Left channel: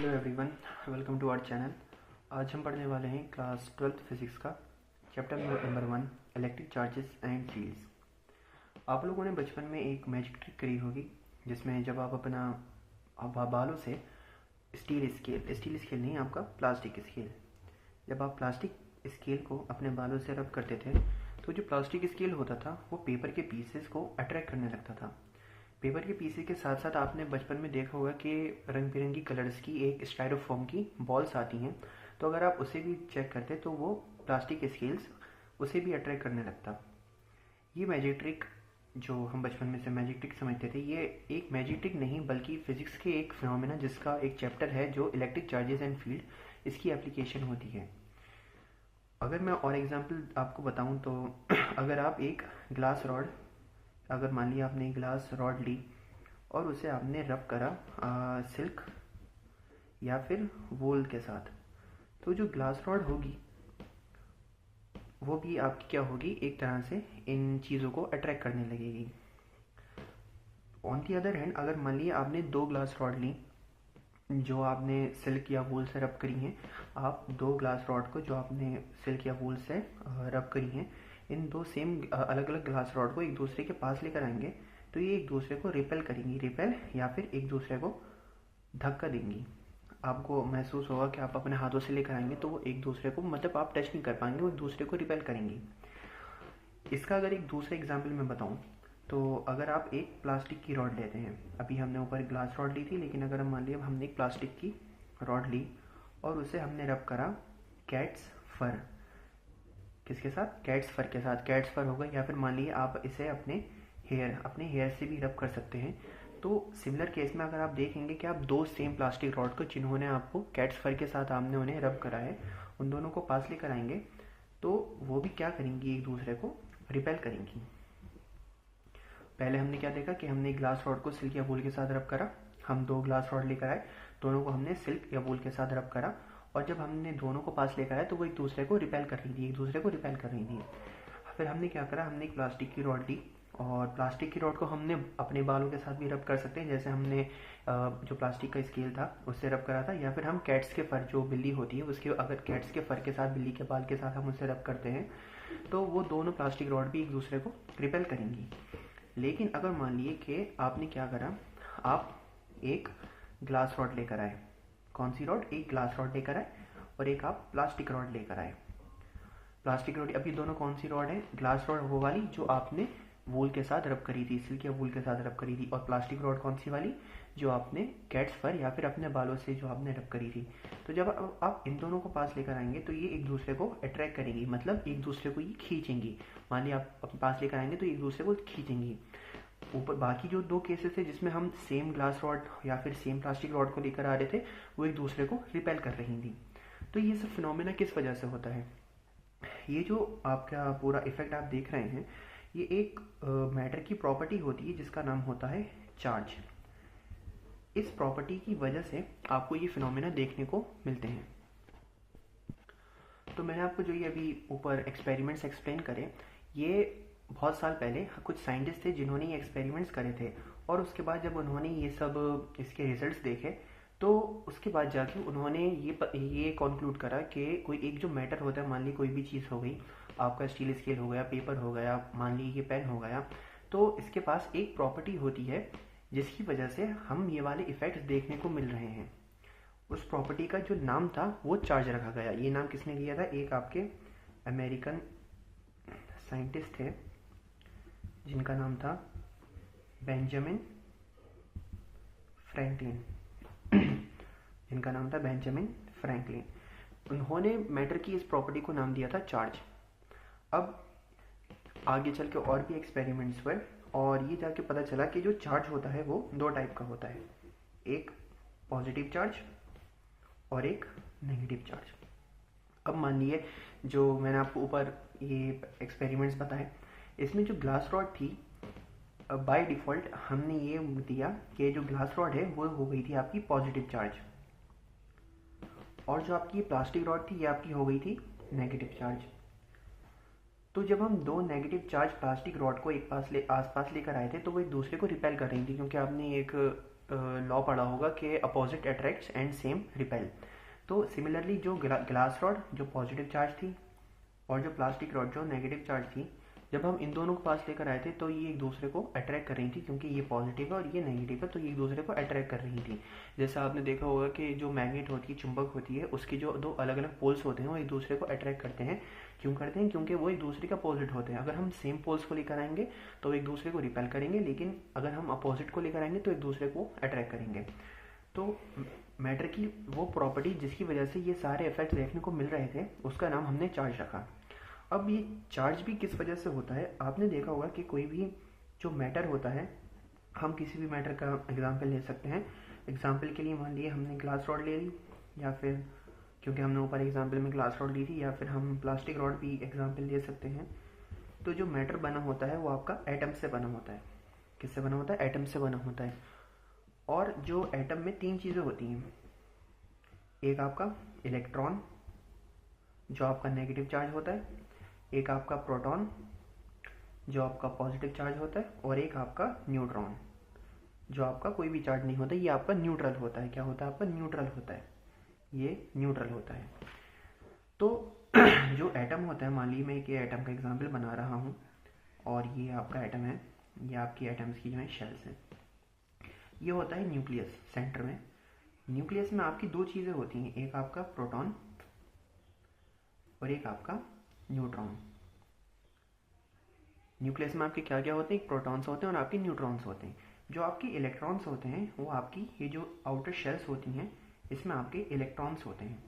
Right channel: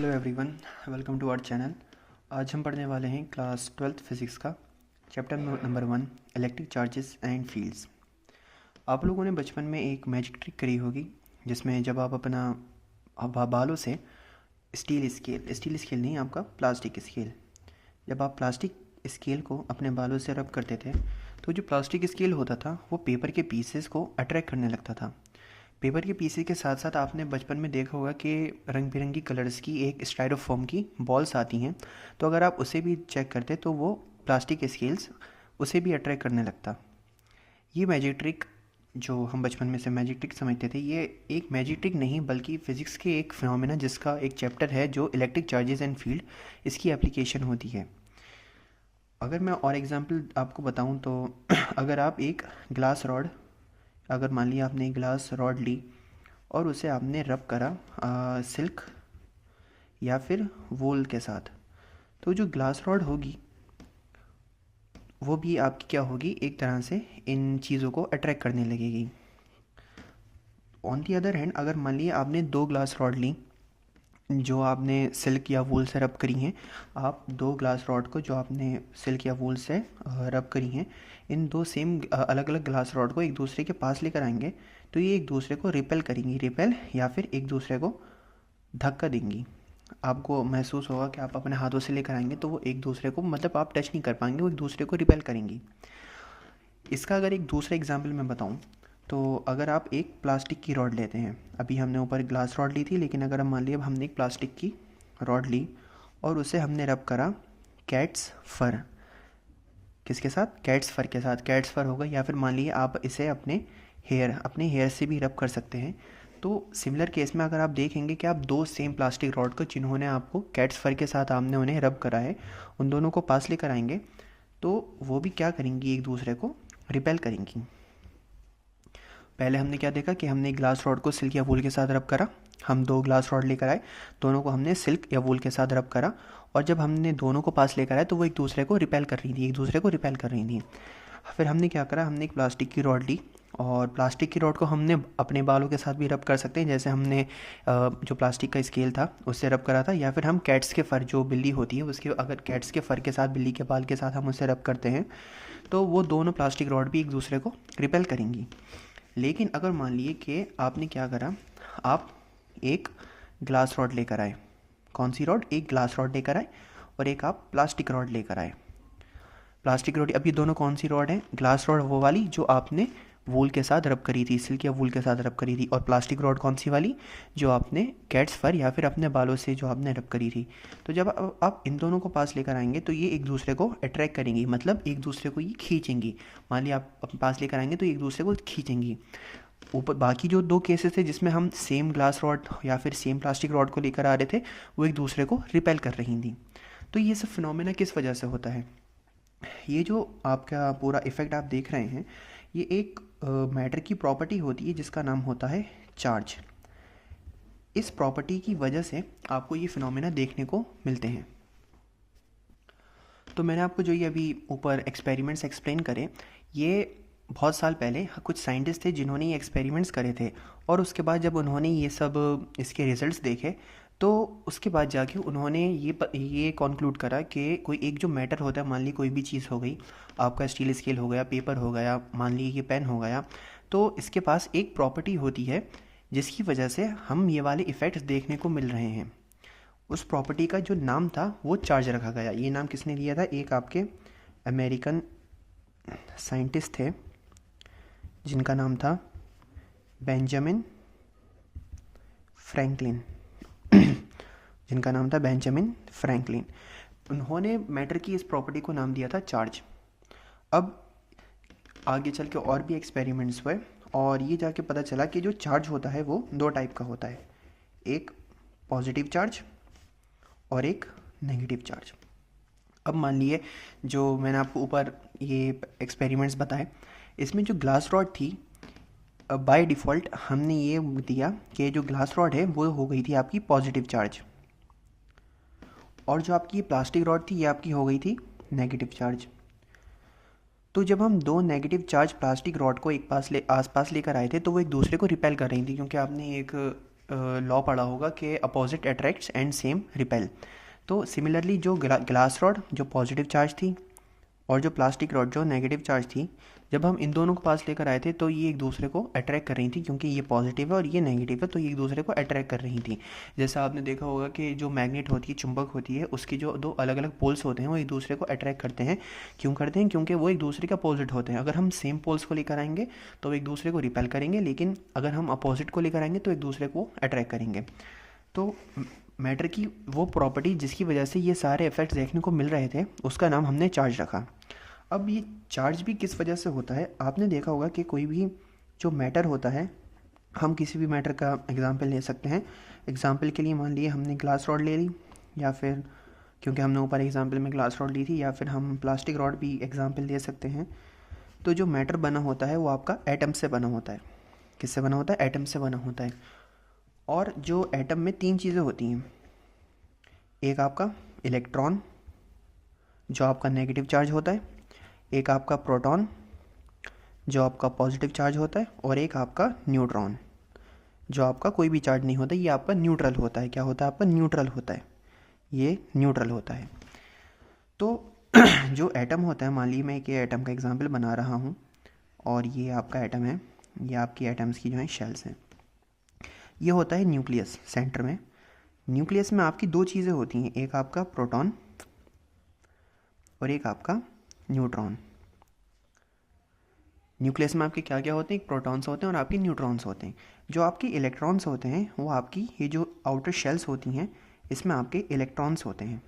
Hello everyone, welcome to our channel. आज हम पढ़ने वाले हैं क्लास 12th फिज़िक्स का chapter number 1 electric charges and fields. आप लोगों ने बचपन में एक मैजिक ट्रिक करी होगी जिसमें जब आप अपना बालों से स्टील स्केल नहीं, आपका प्लास्टिक स्केल, जब आप प्लास्टिक स्केल को अपने बालों से रब करते थे तो जो प्लास्टिक स्केल होता था वो पेपर के पीसेस को अट्रैक्ट करने लगता था। पेपर के पीसी के साथ साथ आपने बचपन में देखा होगा कि रंग बिरंगी कलर्स की एक स्टाइरोफोम की बॉल्स आती हैं, तो अगर आप उसे भी चेक करते तो वो प्लास्टिक स्केल्स उसे भी अट्रैक्ट करने लगता। ये मैजिक ट्रिक जो हम बचपन में से मैजिक ट्रिक समझते थे, ये एक मैजिक ट्रिक नहीं बल्कि फ़िज़िक्स के एक फिनोमेना जिसका एक चैप्टर है जो इलेक्ट्रिक चार्जेस एंड फील्ड, इसकी एप्लीकेशन होती है। अगर मैं और एग्जांपल आपको बताऊं तो अगर आप एक ग्लास रॉड, अगर मान लिया आपने एक ग्लास रॉड ली और उसे आपने रब करा सिल्क या फिर वूल के साथ, तो जो ग्लास रॉड होगी वो भी आपकी क्या होगी, एक तरह से इन चीज़ों को अट्रैक्ट करने लगेगी। ऑन दी अदर हैंड, अगर मान लिया आपने दो ग्लास रॉड ली जो आपने सिल्क या वूल से रब करी हैं, आप दो ग्लास रॉड को जो आपने सिल्क या वूल से रब करी हैं, इन दो सेम अलग अलग ग्लास रॉड को एक दूसरे के पास लेकर आएंगे तो ये एक दूसरे को रिपेल करेंगी, रिपेल या फिर एक दूसरे को धक्का देंगी। आपको महसूस होगा कि आप अपने हाथों से लेकर आएंगे तो वो एक दूसरे को, मतलब आप टच नहीं कर पाएंगे, वो एक दूसरे को रिपेल करेंगी। इसका अगर एक दूसरा एग्जाम्पल मैं बताऊं तो अगर आप एक प्लास्टिक की रॉड लेते हैं, अभी हमने ऊपर ग्लास रॉड ली थी, लेकिन अगर हम मान लिया हमने एक प्लास्टिक की रॉड ली और उसे हमने रब करा कैट्स फर, किसके साथ? कैट्स फर के साथ। कैट्स फर होगा, या फिर मान लीजिए आप इसे अपने हेयर से भी रब कर सकते हैं। तो सिमिलर केस में अगर आप देखेंगे कि आप दो सेम प्लास्टिक रॉड को जिन्होंने आपको कैट्स फर के साथ आपने उन्हें रब करा है, उन दोनों को पास लेकर आएंगे तो वो भी क्या करेंगी, एक दूसरे को रिपेल करेंगी। पहले हमने क्या देखा कि हमने ग्लास रॉड को सिल्क या वूल के साथ रब करा, हम दो ग्लास रॉड लेकर आए, दोनों को हमने सिल्क या वूल के साथ रब करा, और जब हमने दोनों को पास लेकर आए तो वो एक दूसरे को रिपेल कर रही थी, एक दूसरे को रिपेल कर रही थी। फिर हमने क्या करा, हमने एक प्लास्टिक की रॉड ली और प्लास्टिक की रॉड को हमने अपने बालों के साथ भी रब कर सकते हैं, जैसे हमने जो प्लास्टिक का स्केल था उससे रब करा था, या फिर हम कैट्स के फर, जो बिल्ली होती है उसके, अगर कैट्स के फर के साथ, बिल्ली के बाल के साथ हम उससे रब करते हैं तो वो दोनों प्लास्टिक रॉड भी एक दूसरे को रिपेल करेंगी। लेकिन अगर मान लिए कि आपने क्या करा, आप एक ग्लास रॉड लेकर आए, कौन सी रॉड? एक ग्लास रॉड लेकर आए और एक आप प्लास्टिक रॉड लेकर आए। प्लास्टिक रॉड, अब ये दोनों कौन सी रॉड है? ग्लास रॉड वो वाली जो आपने वूल के साथ रब करी थी, सिल्क या वूल के साथ रब करी थी, और प्लास्टिक रॉड कौन सी वाली? जो आपने कैट्स फर या फिर अपने बालों से जो आपने रब करी थी। तो जब आप इन दोनों को पास लेकर आएंगे तो ये एक दूसरे को अट्रैक्ट करेंगी, मतलब एक दूसरे को ये खींचेंगी। मान लिया आप अपने पास लेकर आएंगे तो एक दूसरे को खींचेंगी। ऊपर बाकी जो दो केसेस थे जिसमें हम सेम ग्लास रॉड या फिर सेम प्लास्टिक रॉड को लेकर आ रहे थे, वो एक दूसरे को रिपेल कर रही थी। तो ये सब फिनोमेना किस वजह से होता है? ये जो आपका पूरा इफ़ेक्ट आप देख रहे हैं, ये एक मैटर की प्रॉपर्टी होती है जिसका नाम होता है चार्ज। इस प्रॉपर्टी की वजह से आपको ये फिनोमेना देखने को मिलते हैं। तो मैंने आपको जो ये अभी ऊपर एक्सपेरिमेंट्स एक्सप्लेन करे, ये बहुत साल पहले कुछ साइंटिस्ट थे जिन्होंने ये एक्सपेरिमेंट्स करे थे, और उसके बाद जब उन्होंने ये सब इसके रिजल्ट्स देखे तो उसके बाद जाके उन्होंने ये कॉन्क्लूड करा कि कोई एक जो मैटर होता है, मान ली कोई भी चीज़ हो गई, आपका स्टील स्केल हो गया, पेपर हो गया, मान ली ये पेन हो गया, तो इसके पास एक प्रॉपर्टी होती है जिसकी वजह से हम ये वाले इफ़ेक्ट्स देखने को मिल रहे हैं। उस प्रॉपर्टी का जो नाम था वो चार्ज रखा गया। ये नाम किसने दिया था? एक आपके अमेरिकन साइंटिस्ट थे जिनका नाम था बेंजामिन फ्रैंकलिन जिनका नाम था बेंजामिन फ्रैंकलिन। उन्होंने मैटर की इस प्रॉपर्टी को नाम दिया था चार्ज। अब आगे चल के और भी एक्सपेरिमेंट्स हुए और ये जाके पता चला कि जो चार्ज होता है वो दो टाइप का होता है, एक पॉजिटिव चार्ज और एक नेगेटिव चार्ज। अब मान लिए जो मैंने आपको ऊपर ये एक्सपेरिमेंट्स बताए, इसमें जो ग्लास रॉड थी, बाय डिफ़ॉल्ट हमने ये दिया कि जो ग्लास रॉड है वो हो गई थी आपकी पॉजिटिव चार्ज, और जो आपकी प्लास्टिक रॉड थी ये आपकी हो गई थी नेगेटिव चार्ज। तो जब हम दो नेगेटिव चार्ज प्लास्टिक रॉड को एक आसपास लेकर आए थे तो वो एक दूसरे को रिपेल कर रही थी, क्योंकि आपने एक लॉ पढ़ा होगा कि opposite attracts and same repel. तो सिमिलरली जो ग्लास रॉड जो पॉजिटिव चार्ज थी और जो प्लास्टिक रॉड जो नेगेटिव चार्ज थी, जब हम इन दोनों को पास लेकर आए थे तो ये एक दूसरे को अट्रैक्ट कर रही थी, क्योंकि ये पॉजिटिव है और ये नेगेटिव है, तो ये एक दूसरे को अट्रैक्ट कर रही थी। जैसा आपने देखा होगा कि जो मैग्नेट होती है, चुंबक होती है, उसकी जो दो अलग अलग पोल्स होते हैं वो एक दूसरे को अट्रैक्ट करते हैं। क्यों करते हैं? क्योंकि वो एक दूसरे के अपोजिट होते हैं। अगर हम सेम पोल्स को लेकर आएंगे तो एक दूसरे को रिपेल करेंगे, लेकिन अगर हम अपोजिट को लेकर आएंगे तो एक दूसरे को अट्रैक्ट करेंगे। तो मैटर की वो प्रॉपर्टी जिसकी वजह से ये सारे इफेक्ट्स देखने को मिल रहे थे, उसका नाम हमने चार्ज रखा। अब ये चार्ज भी किस वजह से होता है? आपने देखा होगा कि कोई भी जो मैटर होता है, हम किसी भी मैटर का एग्जांपल ले सकते हैं। एग्जांपल के लिए मान लिए हमने ग्लास रॉड ले ली, या फिर क्योंकि हमने ऊपर एग्जांपल में ग्लास रॉड ली थी, या फिर हम प्लास्टिक रॉड भी एग्जांपल ले सकते हैं। तो जो मैटर बना होता है वो आपका एटम से बना होता है। किससे बना होता है? एटम से बना होता है। और जो एटम में तीन चीज़ें होती हैं। एक आपका इलेक्ट्रॉन जो आपका नेगेटिव चार्ज होता है, एक आपका प्रोटॉन जो आपका पॉजिटिव चार्ज होता है, और एक आपका न्यूट्रॉन जो आपका कोई भी चार्ज नहीं होता, ये आपका न्यूट्रल होता है। क्या होता है? आपका न्यूट्रल होता है। ये न्यूट्रल होता है। तो जो एटम होता है, मान लीजिए मैं एक एटम का एग्जांपल बना रहा हूँ और ये आपका एटम है, ये आपकी एटम्स की जो है शेल्स हैं। ये होता है न्यूक्लियस सेंटर में। न्यूक्लियस में आपकी दो चीज़ें होती हैं, एक आपका प्रोटॉन और एक आपका न्यूट्रॉन। न्यूक्लियस में आपके क्या क्या होते हैं? प्रोटॉन्स होते हैं और आपके न्यूट्रॉन्स होते हैं। जो आपके इलेक्ट्रॉन्स होते हैं वो आपकी ये जो आउटर शेल्स होती हैं, इसमें आपके इलेक्ट्रॉन्स होते हैं।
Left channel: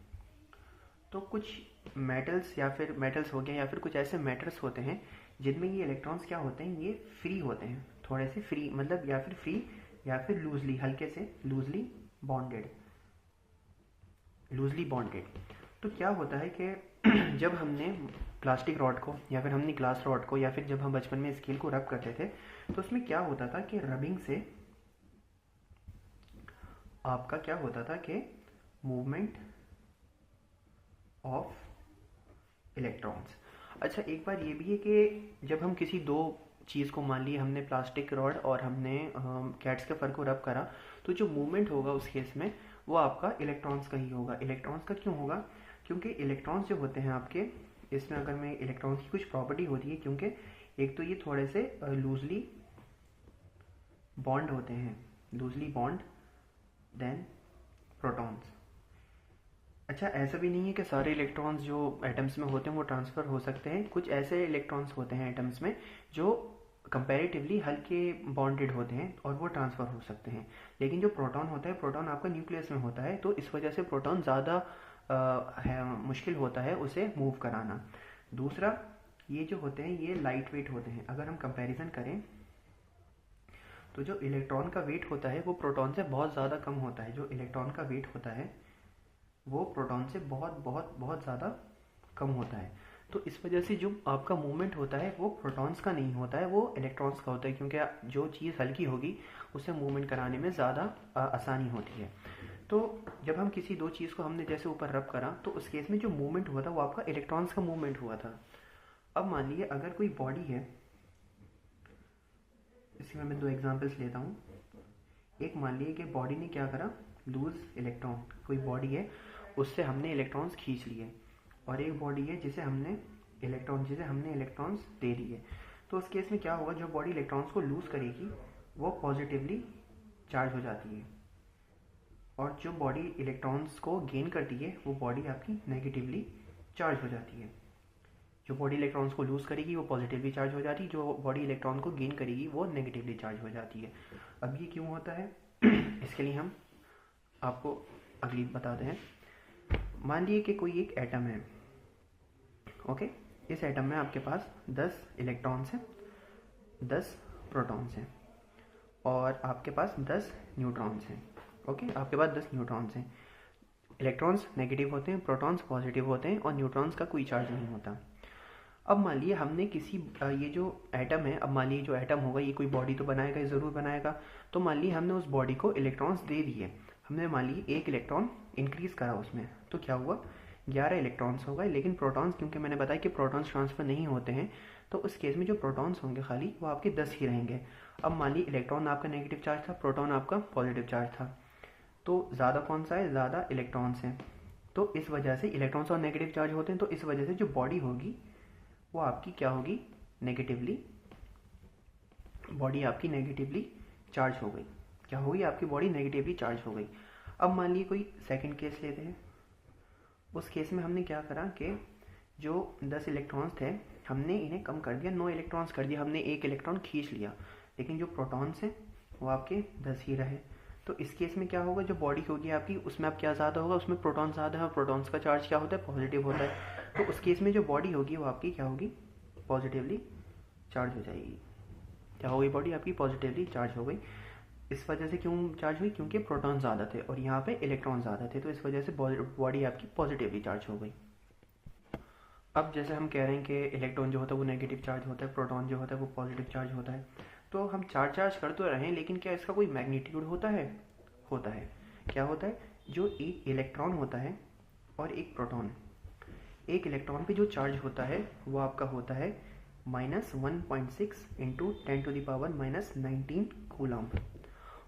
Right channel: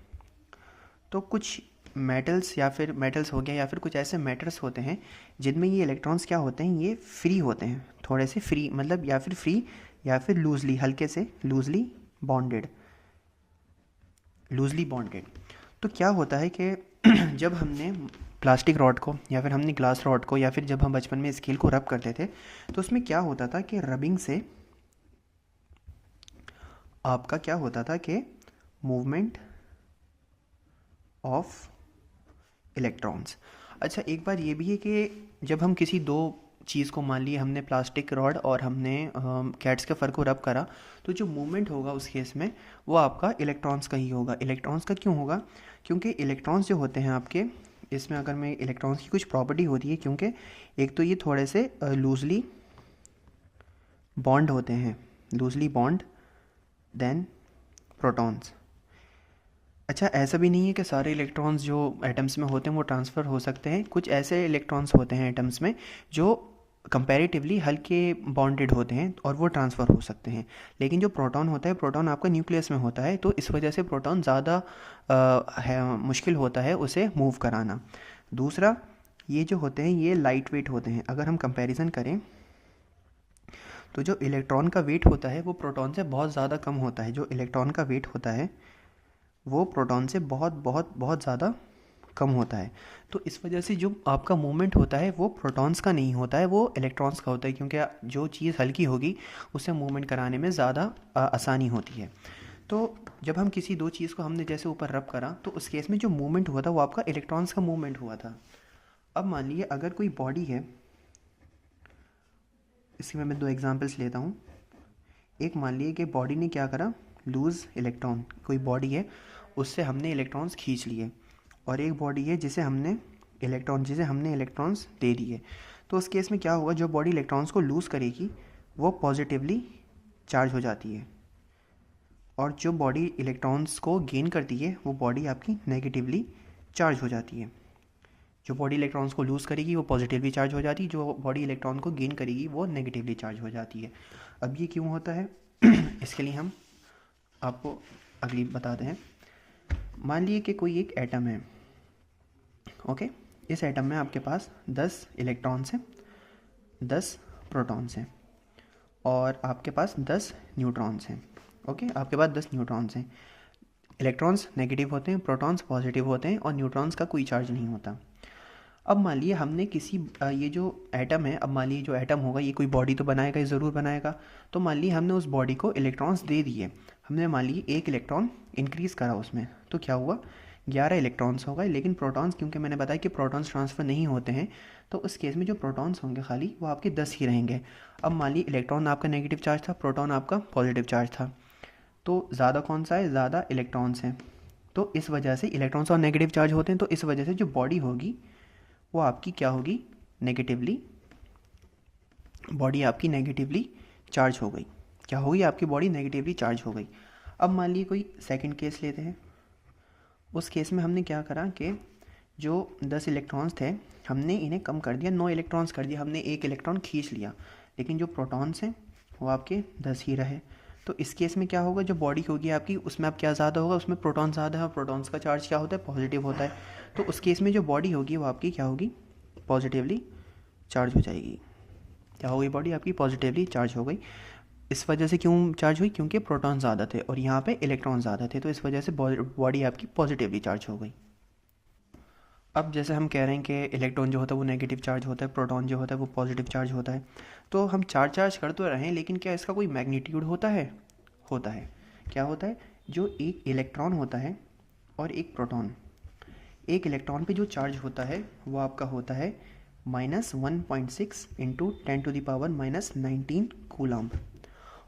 तो कुछ मेटल्स या फिर मेटल्स हो गया या फिर कुछ ऐसे मैटर्स होते हैं जिनमें ये इलेक्ट्रॉन्स क्या होते हैं? ये फ्री होते हैं, थोड़े से फ्री, मतलब या फिर फ्री या फिर लूजली, हल्के से लूजली बॉन्डेड। तो क्या होता है कि जब हमने प्लास्टिक रॉड को या फिर हमने ग्लास रॉड को या फिर जब हम बचपन में स्केल को रब करते थे, तो उसमें क्या होता था कि रबिंग से आपका क्या होता था कि मूवमेंट ऑफ इलेक्ट्रॉन्स। अच्छा, एक बार ये भी है कि जब हम किसी दो चीज़ को, मान लिए हमने प्लास्टिक रॉड और हमने कैट्स के फर को रब करा, तो जो मूवमेंट होगा उस केस में वो आपका इलेक्ट्रॉन्स का ही होगा। इलेक्ट्रॉन्स का क्यों होगा? क्योंकि इलेक्ट्रॉन्स जो होते हैं आपके, इसमें अगर मैं इलेक्ट्रॉन्स की कुछ प्रॉपर्टी होती है, क्योंकि एक तो ये थोड़े से लूजली बॉन्ड होते हैं, लूजली बॉन्ड देन प्रोटॉन्स। अच्छा, ऐसा भी नहीं है कि सारे इलेक्ट्रॉन्स जो एटम्स में होते हैं वो ट्रांसफ़र हो सकते हैं। कुछ ऐसे इलेक्ट्रॉन्स होते हैं एटम्स में जो कंपैरेटिवली हल्के बॉन्डेड होते हैं और वो ट्रांसफ़र हो सकते हैं। लेकिन जो प्रोटॉन होता है, प्रोटॉन आपका न्यूक्लियस में होता है, तो इस वजह से प्रोटॉन ज़्यादा मुश्किल होता है उसे मूव कराना। दूसरा, ये जो होते हैं ये लाइट वेट होते हैं। अगर हम कंपैरिजन करें तो जो इलेक्ट्रॉन का वेट होता है वो प्रोटॉन से बहुत ज़्यादा कम होता है। जो इलेक्ट्रॉन का वेट होता है वो प्रोटॉन से बहुत बहुत बहुत ज़्यादा कम होता है। तो इस वजह से जो आपका मूवमेंट होता है वो प्रोटॉन्स का नहीं होता है, वो इलेक्ट्रॉन्स का होता है, क्योंकि जो चीज़ हल्की होगी उससे मूवमेंट कराने में ज़्यादा आसानी होती है। तो जब हम किसी दो चीज़ को हमने जैसे ऊपर रब करा, तो उस केस में जो मूवमेंट हुआ था वो आपका इलेक्ट्रॉन्स का मूवमेंट हुआ था। अब मान लीजिए अगर कोई बॉडी है, इसमें मैं दो एग्जांपल्स लेता हूँ। एक मान लीजिए कि बॉडी ने क्या करा, लूज़ इलेक्ट्रॉन, कोई बॉडी है उससे हमने इलेक्ट्रॉन्स खींच लिए, और एक बॉडी है जिसे हमने इलेक्ट्रॉन्स दे दिए। तो उस केस में क्या होगा, जो बॉडी इलेक्ट्रॉन्स को लूज़ करेगी वो पॉजिटिवली चार्ज हो जाती है, और जो बॉडी इलेक्ट्रॉन्स को गेन करती है वो बॉडी आपकी नेगेटिवली चार्ज हो जाती है। जो बॉडी इलेक्ट्रॉन्स को लूज़ करेगी वो पॉजिटिवली चार्ज हो जाती है, जो बॉडी इलेक्ट्रॉन को गेन करेगी वो नेगेटिवली चार्ज हो जाती है। अब ये क्यों होता है इसके लिए हम आपको अगली बताते हैं। मान लीजिए कि कोई एक एटम है, ओके। इस एटम में आपके पास 10 इलेक्ट्रॉन्स हैं, 10 प्रोटॉन्स हैं, और आपके पास 10 न्यूट्रॉन्स हैं, ओके। आपके पास 10 न्यूट्रॉन्स हैं। इलेक्ट्रॉन्स नेगेटिव होते हैं, प्रोटॉन्स पॉजिटिव होते हैं, और न्यूट्रॉन्स का कोई चार्ज नहीं होता। अब मान लीजिए हमने किसी ये जो एटम है, अब मान लीजिए जो एटम होगा ये कोई बॉडी तो बनाएगा, ये ज़रूर बनाएगा। तो मान लीजिए हमने उस बॉडी को इलेक्ट्रॉन्स दे दिए, हमने मान लीजिए एक इलेक्ट्रॉन इंक्रीज़ करा उसमें, तो क्या हुआ, 11 इलेक्ट्रॉन्स हो गए। लेकिन प्रोटॉन्स, क्योंकि मैंने बताया कि प्रोटॉन्स ट्रांसफ़र नहीं होते हैं, तो उस केस में जो प्रोटॉन्स होंगे खाली वो आपके 10 ही रहेंगे। अब मान लीजिए इलेक्ट्रॉन आपका नेगेटिव चार्ज था, प्रोटॉन आपका पॉजिटिव चार्ज था, तो ज़्यादा कौन सा है, ज़्यादा इलेक्ट्रॉन्स हैं। तो इस वजह से इलेक्ट्रॉन्स और नेगेटिव चार्ज होते हैं, तो इस वजह से जो बॉडी होगी वो आपकी क्या होगी, नेगेटिवली, बॉडी आपकी नेगेटिवली चार्ज हो गई। क्या होगी, आपकी बॉडी नेगेटिवली चार्ज हो गई। अब मान लीजिए कोई सेकंड केस लेते हैं। उस केस में हमने क्या करा कि जो 10 इलेक्ट्रॉन्स थे हमने इन्हें कम कर दिया, 9 इलेक्ट्रॉन्स कर दिया, हमने एक इलेक्ट्रॉन खींच लिया, लेकिन जो प्रोटॉन्स हैं वो आपके 10 ही रहे। तो इस केस में क्या होगा, जो बॉडी होगी आपकी उसमें अब क्या ज़्यादा होगा, उसमें प्रोटॉन ज़्यादा है और प्रोटॉन्स का चार्ज क्या होता है, पॉजिटिव होता है। तो उस केस में जो बॉडी होगी वो आपकी क्या होगी, पॉजिटिवली चार्ज हो जाएगी। क्या हो गई, बॉडी आपकी पॉजिटिवली चार्ज हो गई। इस वजह से क्यों चार्ज हुई, क्योंकि प्रोटॉन ज़्यादा थे और यहाँ पे इलेक्ट्रॉन ज़्यादा थे, तो इस वजह से बॉडी आपकी पॉजिटिवली चार्ज हो गई। अब जैसे हम कह रहे हैं कि इलेक्ट्रॉन जो होता है वो नेगेटिव चार्ज होता है, प्रोटॉन जो होता है वो पॉजिटिव चार्ज होता है, तो हम चार्ज कर तो रहे हैं, लेकिन क्या इसका कोई मैग्नीट्यूड होता है, होता है। क्या होता है, जो एक इलेक्ट्रॉन होता है और एक प्रोटॉन, एक इलेक्ट्रॉन पे जो चार्ज होता है वो आपका होता है -1.6 इंटू 10⁻⁻19 कूलम,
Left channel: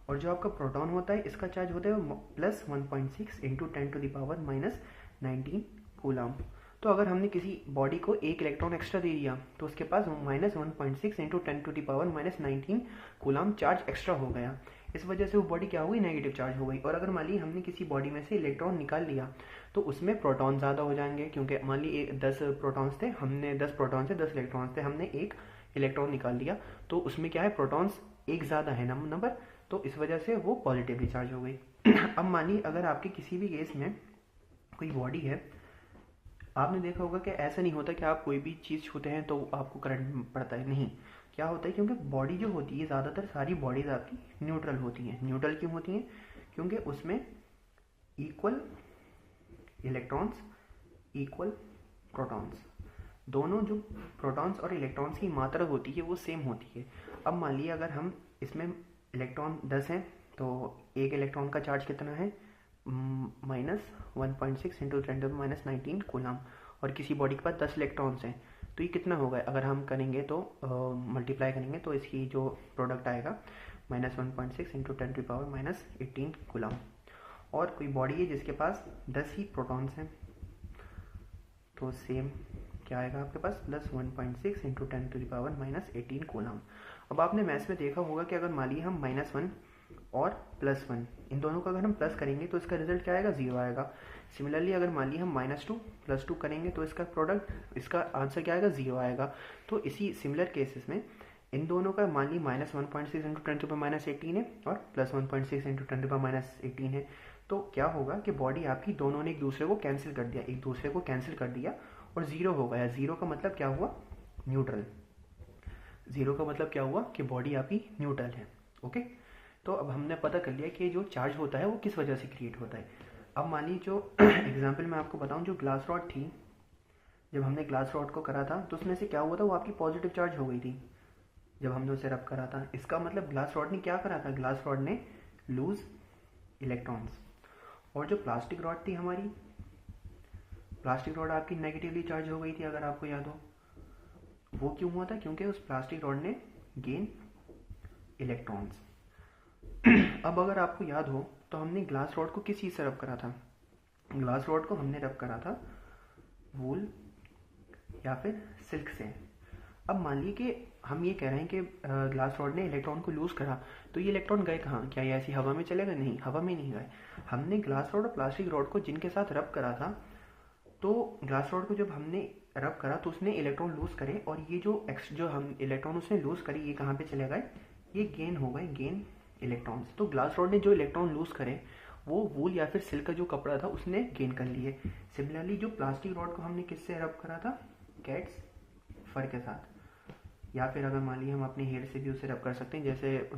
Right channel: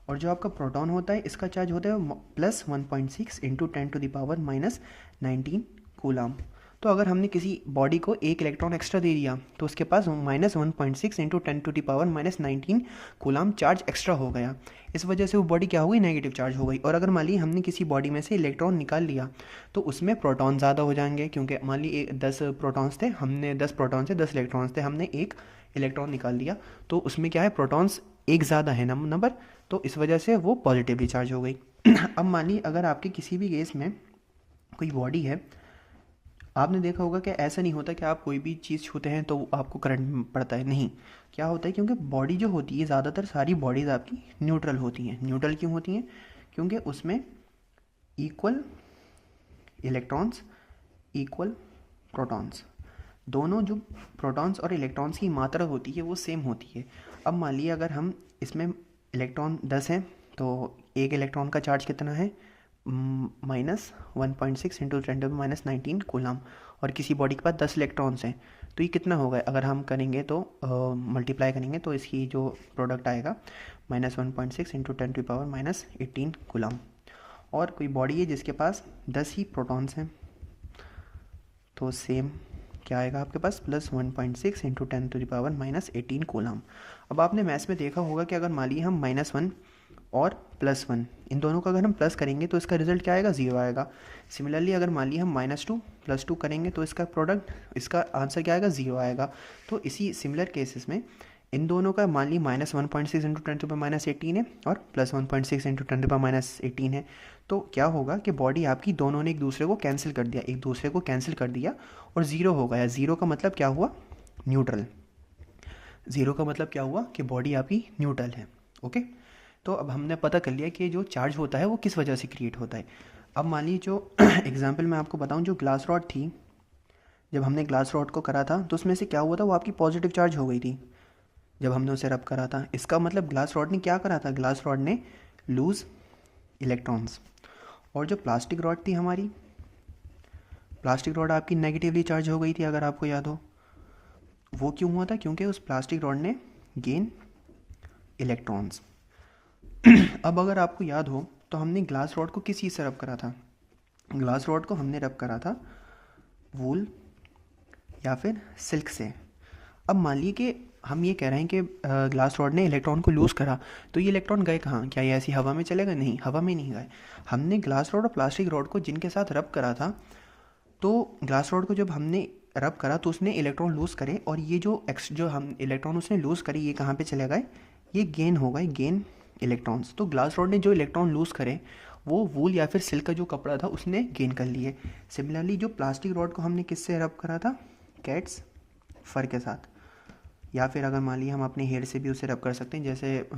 और जो आपका प्रोटॉन होता है इसका चार्ज होता है +1.6 इंटू 10⁻⁻19 कूलम। तो अगर हमने किसी बॉडी को एक इलेक्ट्रॉन एक्स्ट्रा दे दिया तो उसके पास -1.6 इंटू 10⁻⁻19 कूलम चार्ज एक्स्ट्रा हो गया। इस वजह से वो बॉडी क्या हो गई, नेगेटिव चार्ज हो गई। और अगर मान ली हमने किसी बॉडी में से इलेक्ट्रॉन निकाल लिया तो उसमें प्रोटॉन ज़्यादा हो जाएंगे, क्योंकि मान ली 10 प्रोटॉन्स थे, हमने 10 प्रोटॉन से 10 इलेक्ट्रॉन्स थे, हमने एक इलेक्ट्रॉन निकाल लिया, तो उसमें क्या है, प्रोटॉन्स एक ज़्यादा है नंबर, तो इस वजह से वो पॉजिटिवली चार्ज हो गई। अब मानिए अगर आपके किसी भी केस में कोई बॉडी है, आपने देखा होगा कि ऐसा नहीं होता कि आप कोई भी चीज़ छूते हैं तो आपको करंट पड़ता है, नहीं। क्या होता है, क्योंकि बॉडी जो होती है ज़्यादातर सारी बॉडीज़ आपकी न्यूट्रल होती हैं। न्यूट्रल क्यों होती हैं, क्योंकि उसमें इक्वल इलेक्ट्रॉन्स, इक्वल प्रोटॉन्स, दोनों जो प्रोटॉन्स और इलेक्ट्रॉन्स की मात्रा होती है वो सेम होती है। अब मान लीजिए अगर हम इसमें इलेक्ट्रॉन 10 हैं तो एक इलेक्ट्रॉन का चार्ज कितना है, -1.6 इंटू 10⁻⁻19 कूलम, और किसी बॉडी के पास 10 इलेक्ट्रॉन्स हैं तो ये कितना होगा, अगर हम करेंगे तो मल्टीप्लाई करेंगे तो इसकी जो प्रोडक्ट आएगा -1.6 इंटू 10⁻⁻18 कूलम। और कोई बॉडी है जिसके पास 10 ही प्रोटॉन्स हैं तो सेम क्या आएगा आपके पास, +1.6 इंटू 10⁻⁻18 कूलम। अब आपने मैथ्स में देखा होगा कि अगर मान लीजिए हम -1 और +1 इन दोनों का अगर हम प्लस करेंगे तो इसका रिजल्ट क्या आएगा, 0 आएगा। सिमिलरली अगर मान लीजिए हम -2 +2 करेंगे तो इसका प्रोडक्ट, इसका आंसर क्या आएगा, 0 आएगा। तो इसी सिमिलर केसेस में इन दोनों का मान ली -1.6 इंटू 10⁻⁻18 है और +1.6 इंटू 10⁻⁻18 है, तो क्या होगा कि बॉडी आपकी दोनों ने एक दूसरे को कैंसिल कर दिया, एक दूसरे को कैंसिल कर दिया और 0 हो गया। 0 का मतलब क्या हुआ, न्यूट्रल। 0 का मतलब क्या हुआ कि बॉडी आपकी न्यूट्रल है। ओके, तो अब हमने पता कर लिया कि जो चार्ज होता है वो किस वजह से क्रिएट होता है। अब मान लीजिए जो एग्जाम्पल मैं आपको बताऊं, जो ग्लास रॉड थी, जब हमने ग्लास रॉड को करा था तो उसमें से क्या हुआ था, वो आपकी पॉजिटिव चार्ज हो गई थी जब हमने उसे रब करा था। इसका मतलब ग्लास रॉड ने क्या करा था, ग्लास रॉड ने लूज इलेक्ट्रॉन्स। और जो प्लास्टिक रॉड थी हमारी, प्लास्टिक रॉड आपकी नेगेटिवली चार्ज हो गई थी, अगर आपको याद हो। वो क्यों हुआ था, क्योंकि उस प्लास्टिक रॉड ने गेन इलेक्ट्रॉन्स। अब अगर आपको याद हो तो हमने ग्लास रॉड को किस चीज़ से रब करा था, ग्लास रॉड को हमने रब करा था वूल या फिर सिल्क से। अब मान लीजिए कि हम ये कह रहे हैं कि ग्लास रॉड ने इलेक्ट्रॉन को लूज़ करा, तो ये इलेक्ट्रॉन गए कहाँ, क्या ये ऐसी हवा में चले गए, नहीं, हवा में नहीं गए। हमने ग्लास रॉड और प्लास्टिक रॉड को जिनके साथ रब करा था, तो ग्लास रॉड को जब हमने रब करा तो उसने इलेक्ट्रॉन लूज़ करे, और ये जो हम इलेक्ट्रॉन उसने लूज़ करे ये कहाँ पे चले गए, ये गेन हो गए, गेन इलेक्ट्रॉन्स। तो ग्लास रॉड ने जो इलेक्ट्रॉन लूज़ करे वो वूल या फिर सिल्क का जो कपड़ा था उसने गेन कर लिए। सिमिलरली जो प्लास्टिक रॉड को हमने किससे रब करा था, कैट्स फर के साथ, या फिर अगर मान लीजिए हम अपने हेयर से भी उसे रब कर सकते हैं, जैसे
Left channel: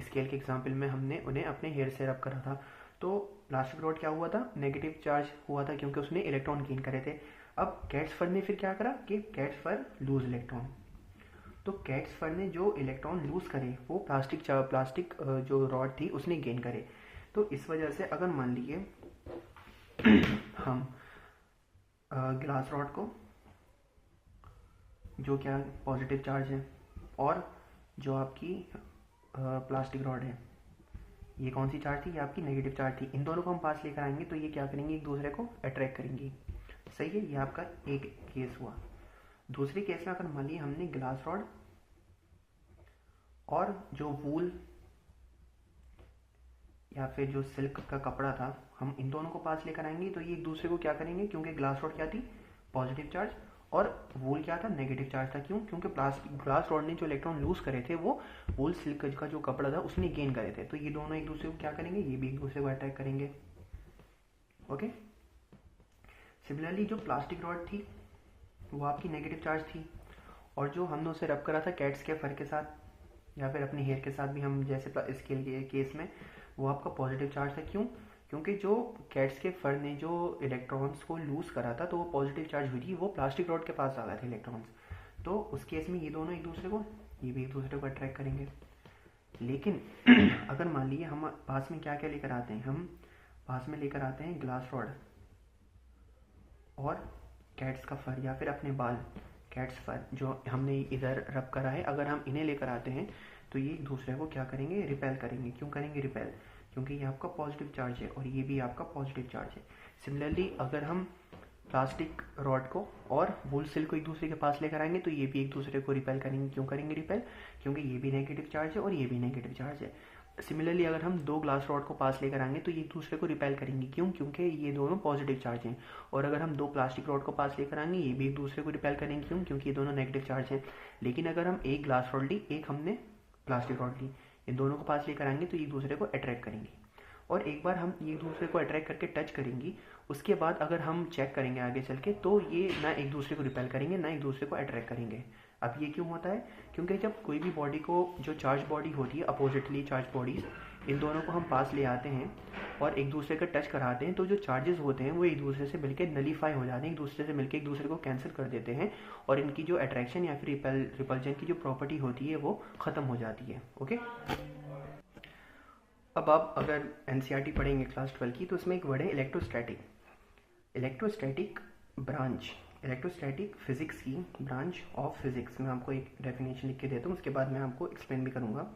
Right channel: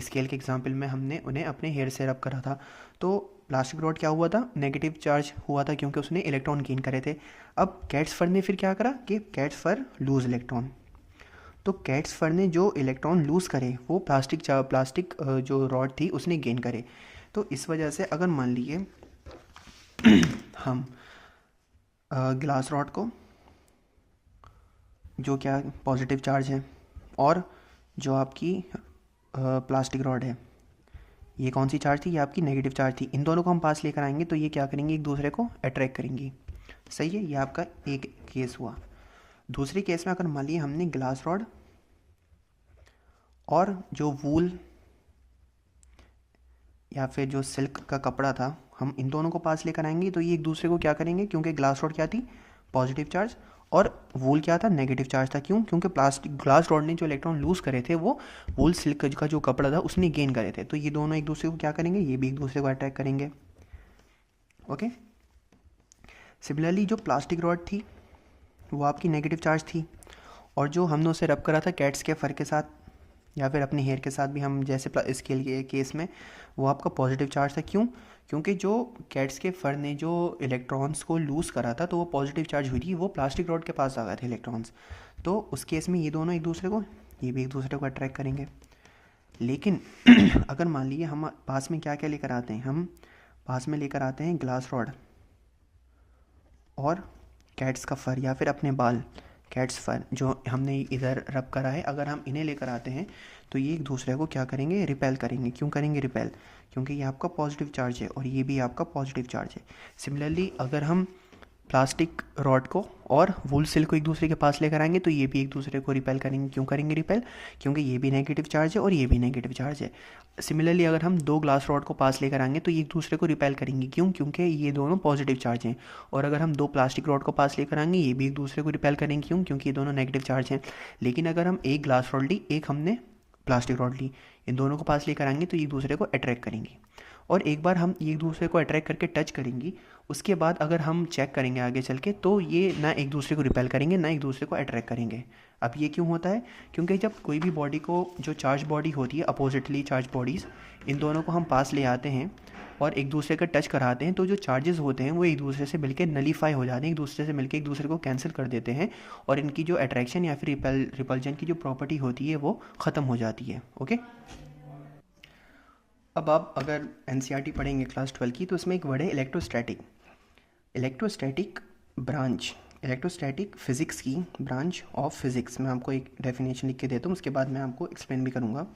स्केल के एग्जांपल में हमने उन्हें अपने हेयर से रब करा था। तो प्लास्टिक रॉड क्या हुआ था, नेगेटिव चार्ज हुआ था क्योंकि उसने इलेक्ट्रॉन गेन करे थे। अब कैट्स फर ने फिर क्या करा कि कैट्स फर लूज इलेक्ट्रॉन, तो कैट्स फर ने जो इलेक्ट्रॉन लूज़ करे वो प्लास्टिक जो रॉड थी उसने गेन करे। तो इस वजह से अगर मान लीजिए हम ग्लास रॉड को जो क्या पॉजिटिव चार्ज है, और जो आपकी प्लास्टिक रॉड है, ये कौन सी चार्ज थी, ये आपकी नेगेटिव चार्ज थी। इन दोनों को हम पास लेकर आएंगे तो ये क्या करेंगे, एक दूसरे को अट्रैक्ट करेंगी। सही है, ये आपका एक केस हुआ। दूसरे केस में अगर मान लिया हमने ग्लास रॉड और जो वूल या फिर जो सिल्क का कपड़ा था, हम इन दोनों को पास लेकर आएंगे तो ये एक दूसरे को क्या करेंगे, क्योंकि ग्लास रॉड क्या थी, पॉजिटिव चार्ज, और वूल क्या था, नेगेटिव चार्ज था। क्यों? क्योंकि प्लास्टिक ग्लास रॉड ने जो इलेक्ट्रॉन लूज करे थे वो वूल सिल्क का जो कपड़ा था उसने गेन करे थे। तो ये दोनों एक दूसरे को क्या करेंगे, ये भी एक दूसरे को अट्रैक्ट करेंगे। ओके। सिमिलरली जो प्लास्टिक रॉड थी वो आपकी नेगेटिव चार्ज थी, और जो हमने उसे रब करा था कैट्स के फर के साथ या फिर अपने हेयर के साथ भी, हम जैसे इसके लिए केस में वो आपका पॉजिटिव चार्ज था। क्यों? क्योंकि जो कैट्स के फर ने जो इलेक्ट्रॉन्स को लूज़ करा था तो वो पॉजिटिव चार्ज हुई थी, वो प्लास्टिक रॉड के पास आ गए थे इलेक्ट्रॉन्स। तो उस केस में ये दोनों एक दूसरे को, ये भी एक दूसरे को अट्रैक्ट करेंगे। लेकिन अगर मान लीजिए हम पास में क्या क्या लेकर आते हैं, हम पास में लेकर आते हैं ग्लास रॉड और कैट्स का फर या फिर अपने बाल, कैट्स फर जो हमने इधर रब करा है, अगर हम इन्हें लेकर आते हैं तो ये एक दूसरे को क्या करेंगे, रिपेल करेंगे। क्यों करेंगे रिपेल? क्योंकि ये आपका पॉजिटिव चार्ज है और ये भी आपका पॉजिटिव चार्ज है। सिमिलरली अगर हम प्लास्टिक रॉड को और वूल सिल्क को एक दूसरे के पास लेकर आएंगे तो ये भी एक दूसरे को रिपेल करेंगे। क्यों करेंगे रिपेल? क्योंकि ये भी नेगेटिव चार्ज है और ये भी नेगेटिव चार्ज है। सिमिलरली अगर हम दो ग्लास रॉड को पास लेकर आएंगे तो ये एक दूसरे को रिपेल करेंगे। क्यों? क्योंकि ये दोनों पॉजिटिव चार्ज हैं। और अगर हम दो प्लास्टिक रॉड को पास लेकर आएंगे ये भी एक दूसरे को रिपेल करेंगे। क्यों? क्योंकि ये दोनों नेगेटिव चार्ज हैं। लेकिन अगर हम एक ग्लास रॉड ली, एक हमने प्लास्टिक रॉड ली, इन दोनों को पास लेकर आएंगे तो एक दूसरे को अट्रैक्ट करेंगी। और एक बार हम एक दूसरे को अट्रैक्ट करके टच करेंगी, उसके बाद अगर हम चेक करेंगे आगे चल के तो ये ना एक दूसरे को रिपेल करेंगे ना एक दूसरे को अट्रैक्ट करेंगे। अब ये क्यों होता है? क्योंकि जब कोई भी बॉडी को, जो चार्ज बॉडी होती है, अपोजिटली चार्ज बॉडीज़, इन दोनों को हम पास ले आते हैं और एक दूसरे का टच कराते हैं तो जो चार्जेस होते हैं वो एक दूसरे से मिलकर नलीफाई हो जाते हैं, एक दूसरे से मिलकर एक दूसरे को कैंसिल कर देते हैं और इनकी जो अट्रैक्शन या फिर रिपल्जन की जो प्रॉपर्टी होती है वो ख़त्म हो जाती है। ओके। अब आप अगर एनसीईआरटी पढ़ेंगे क्लास 12 की तो इसमें एक वर्ड है electrostatic. Electrostatic branch, electrostatic physics की ब्रांच ऑफ फिज़िक्स। मैं आपको एक डेफिनेशन लिख के देता हूँ, उसके बाद मैं आपको एक्सप्लेन भी करूँगा।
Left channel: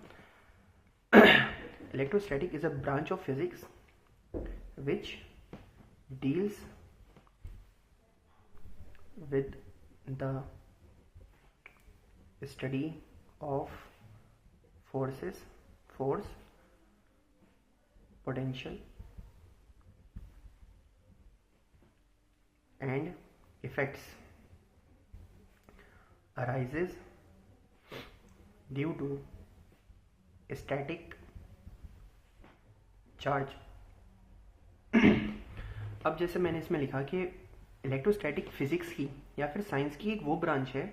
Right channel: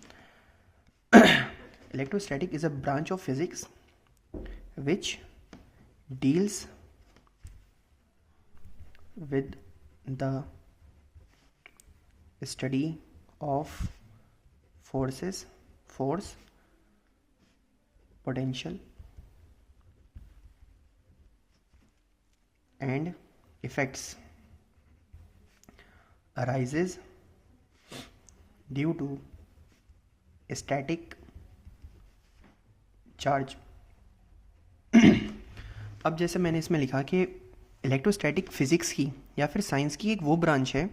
Electrostatic is a branch of physics which deals with the study of forces, force, potential and effects arises due to static charge। अब जैसे मैंने इसमें लिखा कि इलेक्ट्रोस्टैटिक फिज़िक्स की या फिर साइंस की एक वो ब्रांच है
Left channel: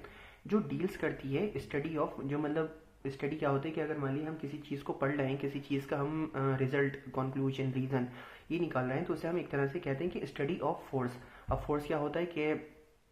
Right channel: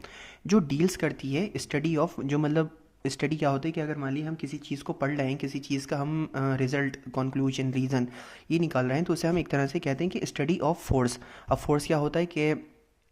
जो डील्स करती है स्टडी ऑफ, जो मतलब स्टडी क्या होता है कि अगर मान लीजिए हम किसी चीज़ को पढ़ रहे हैं, किसी चीज़ का हम रिजल्ट, कंक्लूजन, रीज़न ये निकाल रहे हैं तो उसे हम एक तरह से कहते हैं कि स्टडी ऑफ फोर्स। अब फोर्स क्या होता है कि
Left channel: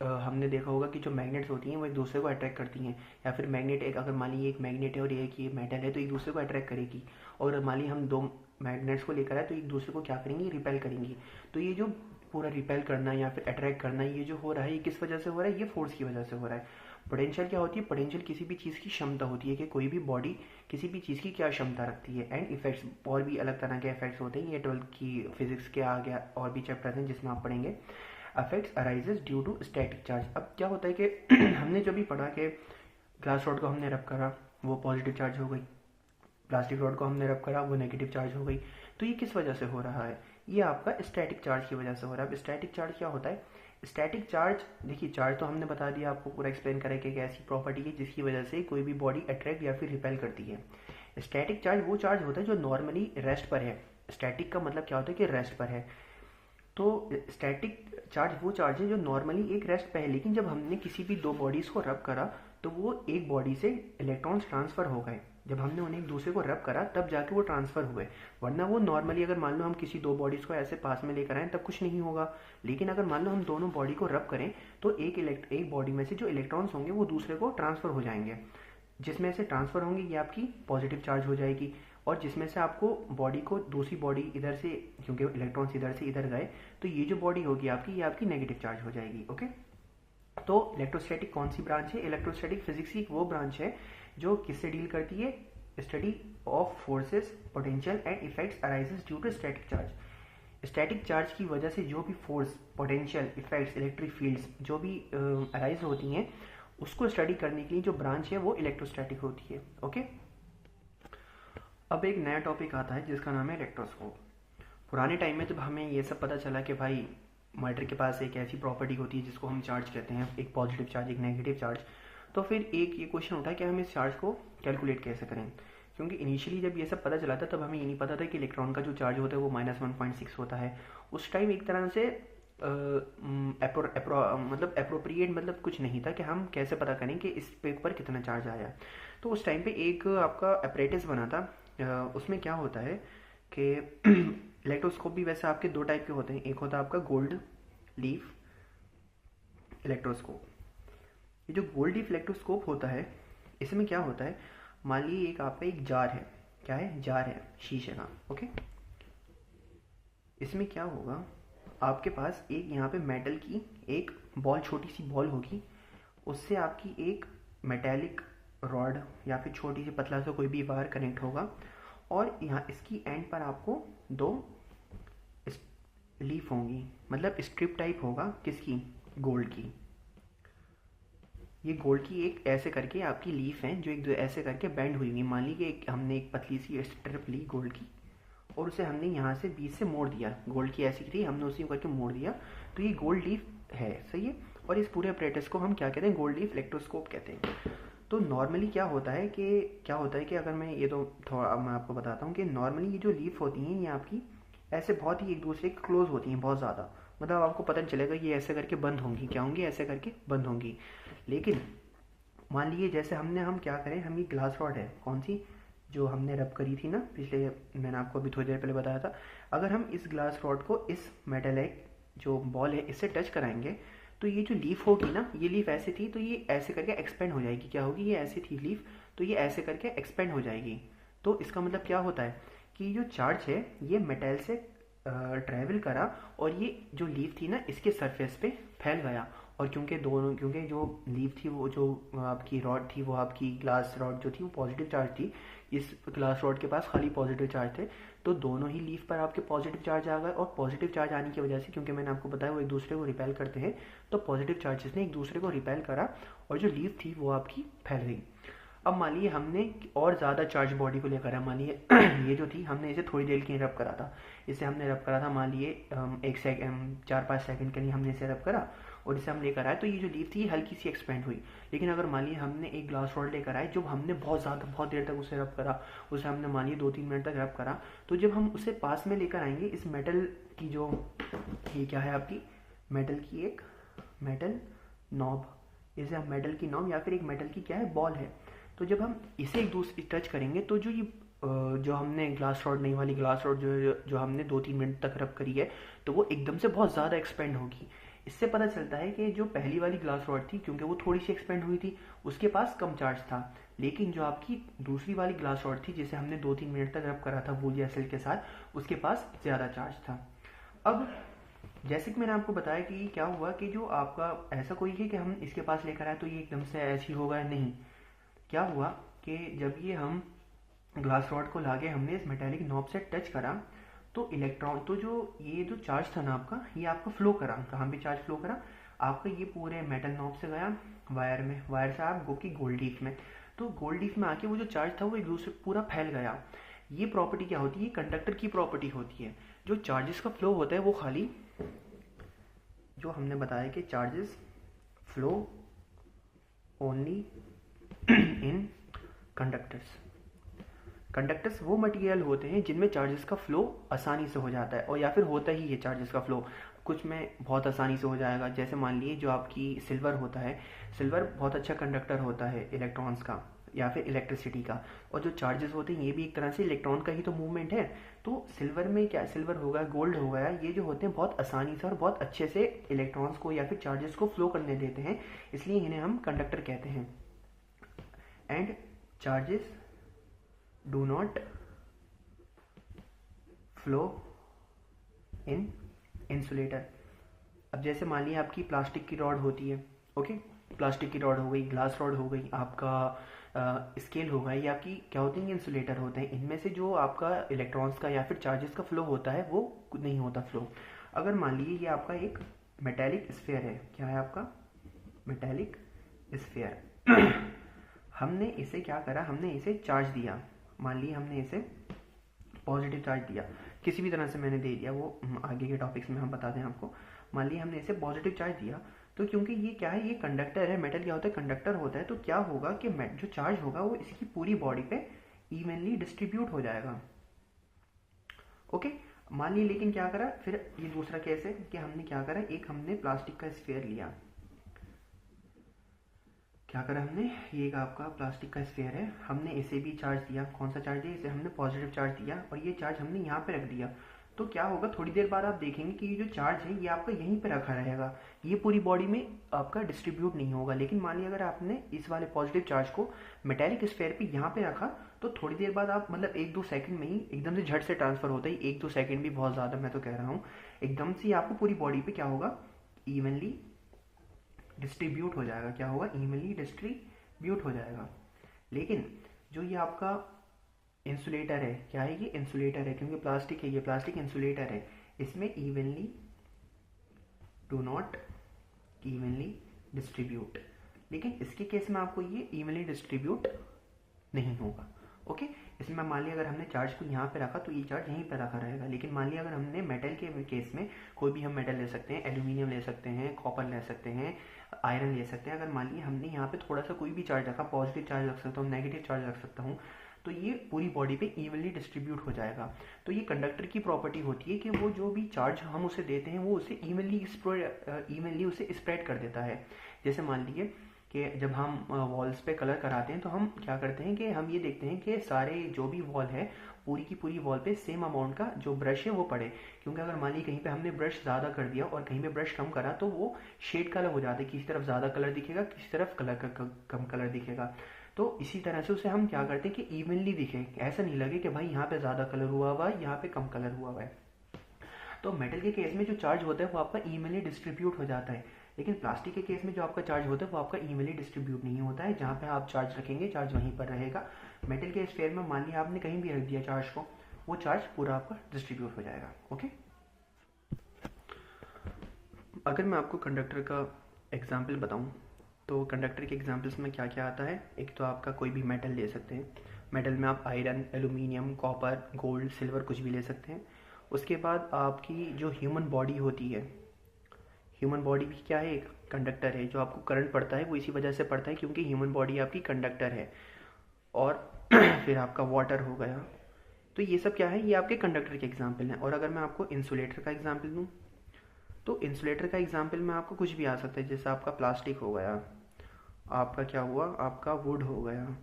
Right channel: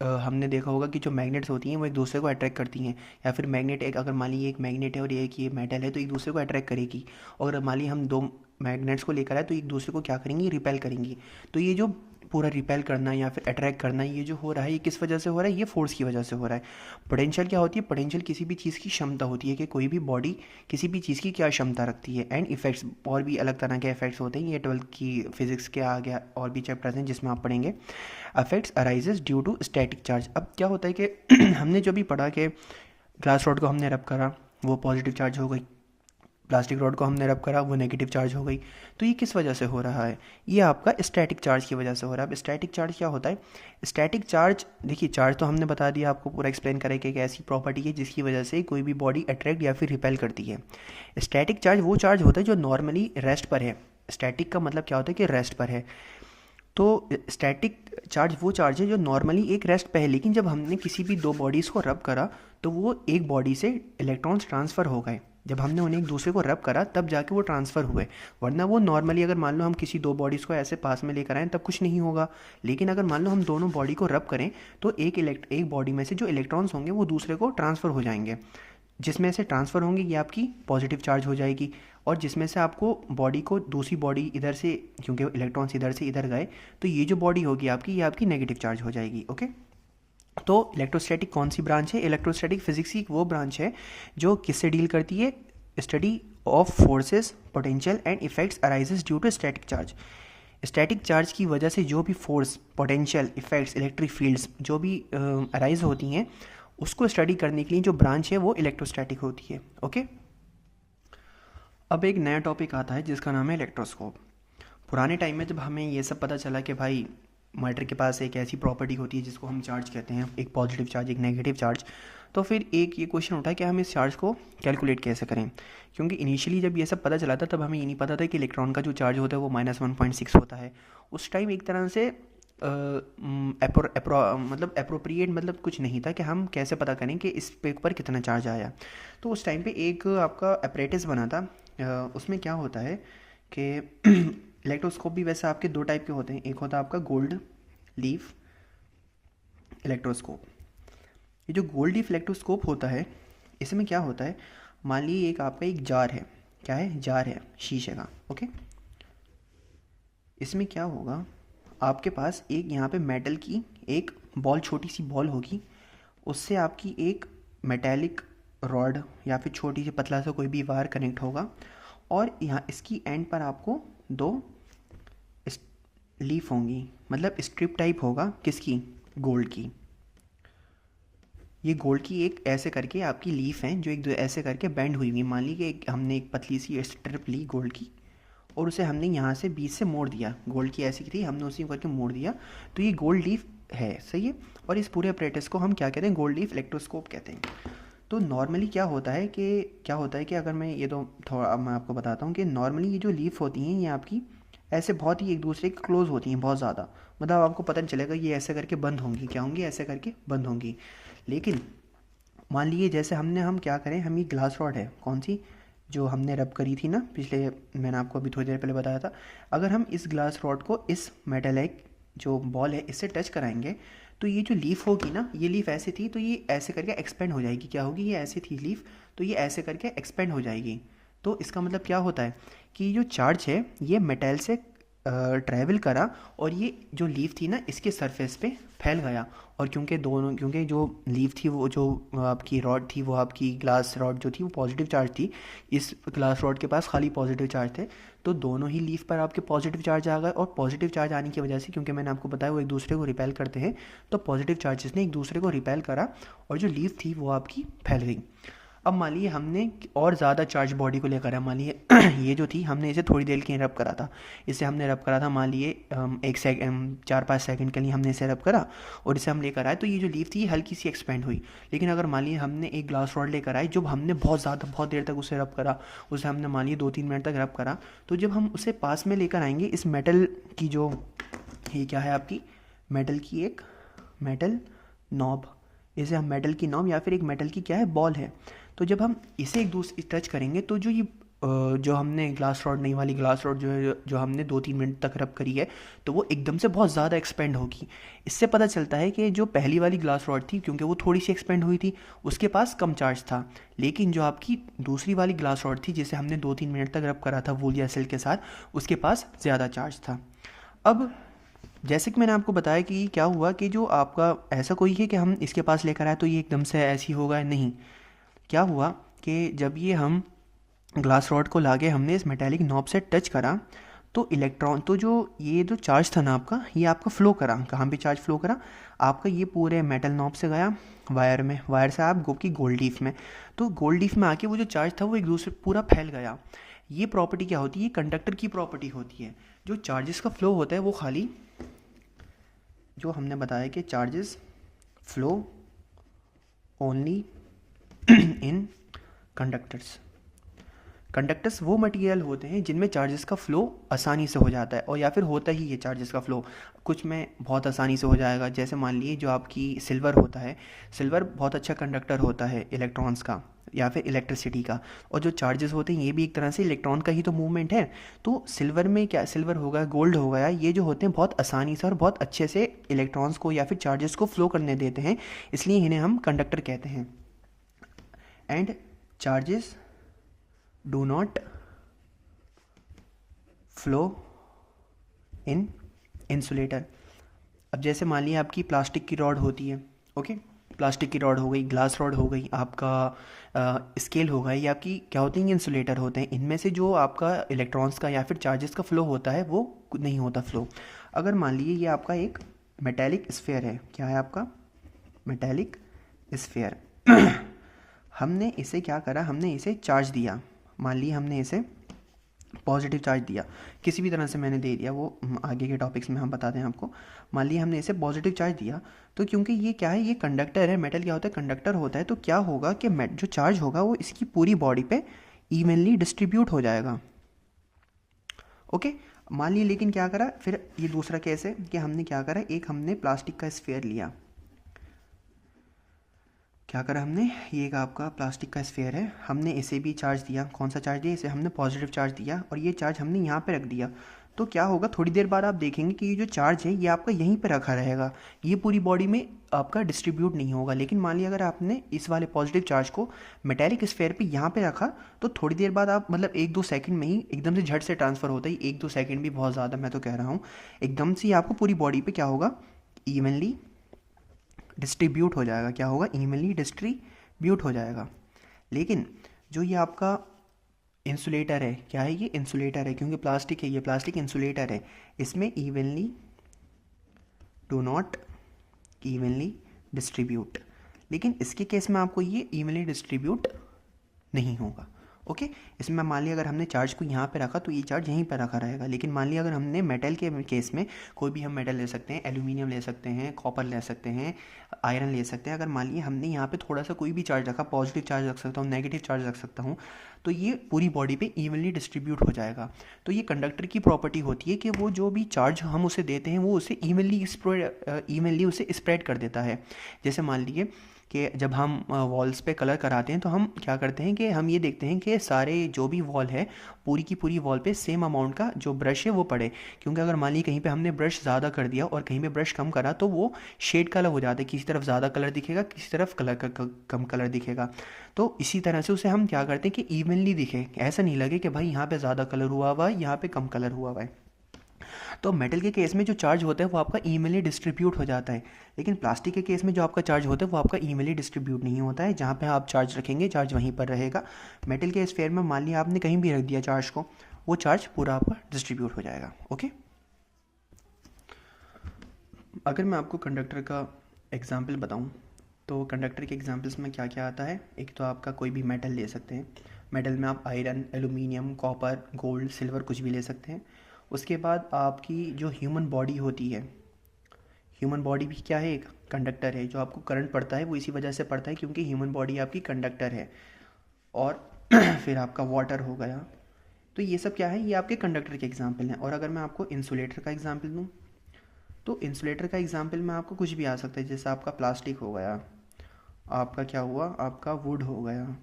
हमने देखा होगा कि जो मैग्नेट्स होती हैं वो एक दूसरे को अट्रैक्ट करती हैं, या फिर मैग्नेट, एक अगर मान लीजिए एक मैग्नेट है और एक ये मेटल है तो एक दूसरे को अट्रैक्ट करेगी। और मान लीजिए हम दो मैग्नेट्स को लेकर आए तो एक दूसरे को क्या करेंगी, रिपेल करेंगी। तो ये जो पूरा रिपेल करना या फिर अट्रैक्ट करना, ये जो हो रहा है ये किस वजह से हो रहा है, ये फोर्स की वजह से हो रहा है। पोटेंशियल क्या होती है? पोटेंशियल किसी भी चीज़ की क्षमता होती है कि कोई भी बॉडी किसी भी चीज़ की क्या क्षमता रखती है। एंड इफेक्ट्स, और भी अलग तरह के इफेक्ट्स होते हैं, ये 12th की फिजिक्स के आ गया और भी चैप्टर्स हैं जिसमें आप पढ़ेंगे। Effects arises due to static charge. अब क्या होता है कि हमने जो भी पढ़ा कि ग्लास रॉड को हमने रब करा वो पॉजिटिव चार्ज हो गई, प्लास्टिक रॉड को हमने रब करा वो नेगेटिव चार्ज हो गई। तो ये किस वजह से हो रहा है? ये आपका स्टैटिक चार्ज की वजह से हो रहा है। अब स्टैटिक चार्ज क्या होता है? स्टैटिक चार्ज, देखिए चार्ज तो हमने बता दिया आपको, पूरा एक्सप्लेन करें कि एक ऐसी प्रॉपर्टी है जिसकी वजह से कोई भी बॉडी अट्रैक्ट या फिर रिपेल करती है। स्टैटिक चार्ज वो चार्ज होता है जो नॉर्मली रेस्ट पर है। स्टैटिक का मतलब क्या होता है कि रेस्ट पर है। तो स्टैटिक चार्ज वो चार्ज है जो नॉर्मली एक रेस्ट पे है, लेकिन जब हमने किसी भी दो बॉडीज़ को रब करा तो वो एक बॉडी से इलेक्ट्रॉन्स ट्रांसफ़र हो गए। जब हमने उन्हें एक दूसरे को रब करा तब जाके वो ट्रांसफ़र हुए, वरना वो नॉर्मली अगर मान लो हम किसी दो बॉडीज़ को ऐसे पास में लेकर आएँ तब कुछ नहीं होगा। लेकिन अगर मान लो हम दोनों बॉडी को रब करें तो एक बॉडी में से जो इलेक्ट्रॉन्स होंगे वो दूसरे को ट्रांसफ़र हो जाएंगे। जिसमें से ट्रांसफ़र होंगे ये आपकी पॉजिटिव चार्ज हो जाएगी, और जिसमें से आपको बॉडी को दूसरी बॉडी इधर से, क्योंकि इलेक्ट्रॉन्स इधर से इधर गए तो ये जो बॉडी होगी आपकी, ये आपकी नेगेटिव चार्ज हो जाएगी। ओके। तो इलेक्ट्रोस्टैटिक कौन सी ब्रांच है? इलेक्ट्रोस्टैटिक फिजिक्स की वो ब्रांच है जो किससे डील करती है? Study of forces, potential and effects arises due to static charge. Static charge की वजह से जो भी force, potential, effects, electric fields जो भी अराइज होती हैं, उसको स्टडी करने के लिए जो ब्रांच है वो इलेक्ट्रोस्टैटिक होती है। ओके, अब एक नया टॉपिक आता है जिसका नाम है इलेक्ट्रोस्कोप। पुराने टाइम में जब हमें ये सब पता चला कि भाई मैटर के पास एक ऐसी प्रॉपर्टी होती है जिसको हम चार्ज कहते हैं, एक पॉजिटिव चार्ज, एक नेगेटिव चार्ज, तो फिर एक ये क्वेश्चन उठा कि हम इस चार्ज को कैलकुलेट कैसे करें। क्योंकि इनिशियली जब ये सब पता चला था तब हमें ये नहीं पता था कि इलेक्ट्रॉन का जो चार्ज होता है वो -1.6 होता है। उस टाइम एक तरह से मतलब अप्रोप्रिएट मतलब कुछ नहीं था कि हम कैसे पता करें कि इस पे पर कितना चार्ज आया। तो उस टाइम पे एक आपका अपरेटिस बना था। उसमें क्या होता है कि इलेक्ट्रोस्कोप भी वैसे आपके दो टाइप के होते हैं। एक होता है आपका गोल्ड लीफ इलेक्ट्रोस्कोप। ये जो गोल्ड लीफ इलेक्ट्रोस्कोप होता है, इसमें क्या होता है, मान लीजिए एक आपका एक जार है। क्या है? जार है शीशे का। ओके, इसमें क्या होगा, आपके पास एक यहाँ पे मेटल की एक बॉल, छोटी सी बॉल होगी, उससे आपकी एक मेटेलिक रॉड या फिर छोटी सी पतला सा कोई भी वायर कनेक्ट होगा, और यहाँ इसकी एंड पर आपको दो लीफ होंगी, मतलब स्ट्रिप टाइप होगा किसकी? गोल्ड की। ये गोल्ड की एक ऐसे करके आपकी लीफ है जो एक दो ऐसे करके बेंड हुई हुई। मान ली कि हमने एक पतली सी स्ट्रिप ली गोल्ड की और उसे हमने यहाँ से बीच से मोड़ दिया। गोल्ड की ऐसी थी, हमने उसी करके मोड़ दिया, तो ये गोल्ड लीफ है। सही है। और इस पूरे अपरेटस को हम क्या कहते हैं? गोल्ड लीफ इलेक्ट्रोस्कोप कहते हैं। तो नॉर्मली क्या होता है कि अगर मैं ये तो थोड़ा अब मैं आपको बताता हूँ कि नॉर्मली ये जो लीफ होती हैं ये आपकी ऐसे बहुत ही एक दूसरे के क्लोज होती हैं, बहुत ज़्यादा। मतलब आपको पता नहीं चलेगा ये ऐसे करके बंद होंगी, क्या होंगी? ऐसे करके बंद होंगी। लेकिन मान लीजिए जैसे हम क्या करें, हम ये ग्लास रॉड है कौन सी जो हमने रब करी थी ना पिछले, मैंने आपको अभी थोड़ी देर पहले बताया था, अगर हम इस ग्लास रॉड को इस मेटेलिक जो बॉल है इससे टच कराएंगे तो ये जो लीफ होगी ना, ये लीफ ऐसे थी तो ये ऐसे करके एक्सपेंड हो जाएगी। क्या होगी? ये ऐसी थी लीफ तो ये ऐसे करके एक्सपेंड हो जाएगी। तो इसका मतलब क्या होता है कि जो चार्ज है ये मेटल से ट्रैवल करा और ये जो लीफ थी ना इसके सरफेस पे फैल गया। और क्योंकि जो लीफ थी वो जो आपकी रॉड थी वो आपकी ग्लास रॉड जो थी वो पॉजिटिव चार्ज थी, इस ग्लास रॉड के पास खाली पॉजिटिव चार्ज थे, तो दोनों ही लीफ पर आपके पॉजिटिव चार्ज आ गए। और पॉजिटिव चार्ज आने की वजह से, क्योंकि मैंने आपको बताया वो एक दूसरे को रिपेल करते हैं, तो पॉजिटिव चार्जेस ने एक दूसरे को रिपेल करा और जो लीफ थी वो आपकी फैल गई। अब मान लिए हमने और ज़्यादा चार्ज बॉडी को लेकर है, मान लिए ये जो थी हमने इसे थोड़ी देर के लिए रब करा था, इसे हमने रब करा था मान लिए 4-5 सेकंड के लिए हमने इसे रब करा और इसे हम लेकर आए, तो ये जो लीफ थी ये हल्की सी एक्सपेंड हुई। लेकिन अगर मान लिए हमने एक ग्लास रॉड लेकर आए, जब हमने बहुत देर तक उसे रब करा, उसे हमने मान लिए 2-3 मिनट तक रब करा, तो जब हम उसे पास में लेकर आएंगे इस मेटल की जो, ये क्या है आपकी मेटल की एक मेटल नॉब, इसे हम मेटल की नॉब या फिर एक मेटल की क्या है बॉल है, तो जब हम इसे एक दूसरे टच करेंगे तो जो ये जो हमने ग्लास रॉड, नई वाली ग्लास रॉड जो हमने 2-3 मिनट तक रब करी है, तो वो एकदम से बहुत ज़्यादा एक्सपेंड होगी। इससे पता चलता है कि जो पहली वाली ग्लास रॉड थी, क्योंकि वो थोड़ी सी एक्सपेंड हुई थी, उसके पास कम चार्ज था, लेकिन जो आपकी दूसरी वाली ग्लास रॉड थी जिसे हमने 2-3 मिनट तक रब करा था वूल या सिल्क के साथ, उसके पास ज़्यादा चार्ज था। अब जैसे कि मैंने आपको बताया कि क्या हुआ कि जो आपका ऐसा कोई है कि हम इसके पास लेकर आए तो ये एकदम से ऐसी होगा, नहीं। क्या हुआ कि जब ये हम ग्लास रॉड को लाके हमने इस मेटेलिक नॉब से टच करा, तो इलेक्ट्रॉन, तो जो ये जो चार्ज था ना आपका, ये आपका फ्लो करा, कहाँ पे चार्ज फ्लो करा आपका, ये पूरे मेटल नॉब से गया वायर में, वायर से आप गो की गोल्ड लीफ में, तो गोल्ड लीफ में आके वो जो चार्ज था वो एक दूसरे पूरा फैल गया। ये प्रॉपर्टी क्या होती है? कंडक्टर की प्रॉपर्टी होती है। जो चार्जेस का फ्लो होता है वो खाली, जो हमने बताया कि charges flow only in conductors. Conductors वो मटेरियल होते हैं जिनमें चार्जेस का फ्लो आसानी से हो जाता है, और या फिर होता ही है चार्जेस का फ्लो, कुछ में बहुत आसानी से हो जाएगा। जैसे मान लिए जो आपकी सिल्वर होता है, सिल्वर बहुत अच्छा कंडक्टर होता है इलेक्ट्रॉन्स का या फिर इलेक्ट्रिसिटी का, और जो चार्जेस होते हैं ये भी एक तरह से इलेक्ट्रॉन का ही तो मूवमेंट है। तो सिल्वर में क्या, सिल्वर होगा, गोल्ड हो गया, ये जो होते हैं बहुत आसानी से और बहुत अच्छे से इलेक्ट्रॉन्स को या फिर चार्जेस को फ्लो करने देते हैं, इसलिए इन्हें हम कंडक्टर कहते हैं। And charges do not flow in insulator. अब जैसे मान लिया आपकी प्लास्टिक की रॉड होती है, ओके, प्लास्टिक की रॉड हो गई, ग्लास रॉड हो गई, आपका स्केल हो गया, ये आपकी क्या होती हैं, इंसुलेटर होते हैं। इनमें से जो आपका इलेक्ट्रॉन्स का या फिर चार्जेस का फ्लो होता है वो नहीं होता फ्लो। अगर मान लीजिए ये आपका एक मेटेलिक स्फेयर है, क्या है आपका मेटेलिक स्फेयर हमने इसे क्या करा, हमने इसे चार्ज दिया। मान लीजिए हमने इसे पॉजिटिव चार्ज दिया, किसी भी तरह से मैंने दे दिया, वो आगे के टॉपिक्स में हम बताते हैं आपको। मान लीजिए हमने इसे पॉजिटिव चार्ज दिया, तो क्योंकि ये क्या है, ये कंडक्टर है, मेटल क्या होता है, कंडक्टर होता है, तो क्या होगा कि जो चार्ज होगा वो इसकी पूरी बॉडी पे इवनली डिस्ट्रीब्यूट हो जाएगा। ओके, मान लीजिए लेकिन क्या करा फिर, ये दूसरा केस है कि हमने क्या करा, एक हमने प्लास्टिक का स्फेयर लिया, क्या करा हमने, ये एक आपका प्लास्टिक का स्फेयर है, हमने इसे भी चार्ज दिया। कौन सा चार्ज दिया, इसे हमने पॉजिटिव चार्ज दिया, और ये चार्ज हमने यहाँ पे रख दिया। तो क्या होगा, थोड़ी देर बाद आप देखेंगे कि ये जो चार्ज है ये आपका यहीं पे रखा रहेगा, ये पूरी बॉडी में आपका डिस्ट्रीब्यूट नहीं होगा। लेकिन मान लिया अगर आपने इस वाले पॉजिटिव चार्ज को मेटेलिक स्फेयर पे यहाँ पे रखा, तो थोड़ी देर बाद आप मतलब 1-2 सेकंड में ही एकदम से झट से ट्रांसफ़र होता है। 1-2 सेकंड भी बहुत ज़्यादा मैं तो कह रहा हूँ, एकदम से आपको पूरी बॉडी पे क्या होगा, इवनली डिस्ट्रीब्यूट हो जाएगा। क्या होगा, इवनली डिस्ट्रीब्यूट हो जाएगा। लेकिन जो ये आपका इंसुलेटर है, क्या है, ये इंसुलेटर है, क्योंकि प्लास्टिक है, ये प्लास्टिक इंसुलेटर है, इसमें evenly do not evenly distribute. लेकिन इसके केस में आपको ये इवनली डिस्ट्रीब्यूट नहीं होगा। ओके, इसमें मान लिया अगर हमने चार्ज को यहाँ पे रखा तो ये चार्ज यहीं पर रखा रहेगा। लेकिन मान लिया अगर हमने मेटल के केस में, कोई भी हम मेटल ले सकते हैं, एल्यूमिनियम ले सकते हैं, कॉपर ले सकते हैं, आयरन ले सकते हैं, अगर मान लिया हमने यहाँ पे थोड़ा सा कोई भी चार्ज रखा, पॉजिटिव चार्ज रख सकता हूँ, नेगेटिव चार्ज रख सकता हूँ, तो ये पूरी बॉडी पे इवनली डिस्ट्रीब्यूट हो जाएगा। तो ये कंडक्टर की प्रॉपर्टी होती है कि वो जो भी चार्ज हम उसे देते हैं वो उसे इवनली उसे स्प्रेड कर देता है। जैसे मान लीजिए कि जब हम वॉल्स पे कलर कराते हैं तो हम क्या करते हैं कि हम ये देखते हैं कि सारे जो भी वॉल है, पूरी की पूरी वॉल पे सेम अमाउंट का जो ब्रश है वो पड़े। क्योंकि अगर मान लीजिए कहीं पे हमने ब्रश ज़्यादा कर दिया और कहीं पे ब्रश कम करा तो वो शेड का अलग हो जाता है, किसी तरफ ज़्यादा कलर दिखेगा, किसी तरफ कम कलर दिखेगा। तो इसी तरह से उसे हम क्या करते हैं कि इवनली दिखे, ऐसा नहीं लगे कि भाई यहाँ पे ज़्यादा कलर हुआ हुआ है, यहाँ पे कम कलर हुआ हुआ है। तो मेटल के केस में जो चार्ज होता है वो आपका इवनली डिस्ट्रीब्यूट हो जाता है। लेकिन प्लास्टिक के केस में जो आपका चार्ज होता है वो आपका इवनली डिस्ट्रीब्यूट नहीं होता है। जहाँ पे आप चार्ज रखेंगे चार्ज वहीं पर रहेगा। मेटल के स्फेयर में मान लिया आपने कहीं भी रख दिया चार्ज को, वो चार्ज पूरा आपका डिस्ट्रीब्यूट हो जाएगा। ओके, अगर मैं आपको कंडक्टर का एग्जाम्पल बताऊँ तो कंडक्टर के एग्जाम्पल्स में क्या क्या आता है। एक तो आपका कोई भी मेटल ले सकते हैं, मेटल में आप iron, aluminium, copper, gold, silver कुछ भी ले सकते हैं। उसके बाद आपकी जो ह्यूमन बॉडी होती है, ह्यूमन बॉडी भी क्या है, एक कंडक्टर है। जो आपको करंट पड़ता है वो इसी वजह से पड़ता है क्योंकि ह्यूमन बॉडी आपकी कंडक्टर है। और फिर आपका वाटर हो गया। तो ये सब क्या है, ये आपके कंडक्टर के एग्जाम्पल हैं। और अगर मैं आपको इंसुलेटर का एग्जाम्पल दूँ तो इंसुलेटर का एग्जाम्पल में आपको कुछ भी आ सकता है। जैसे आपका प्लास्टिक हो गया, आपका क्या हुआ, आपका वुड हो गया,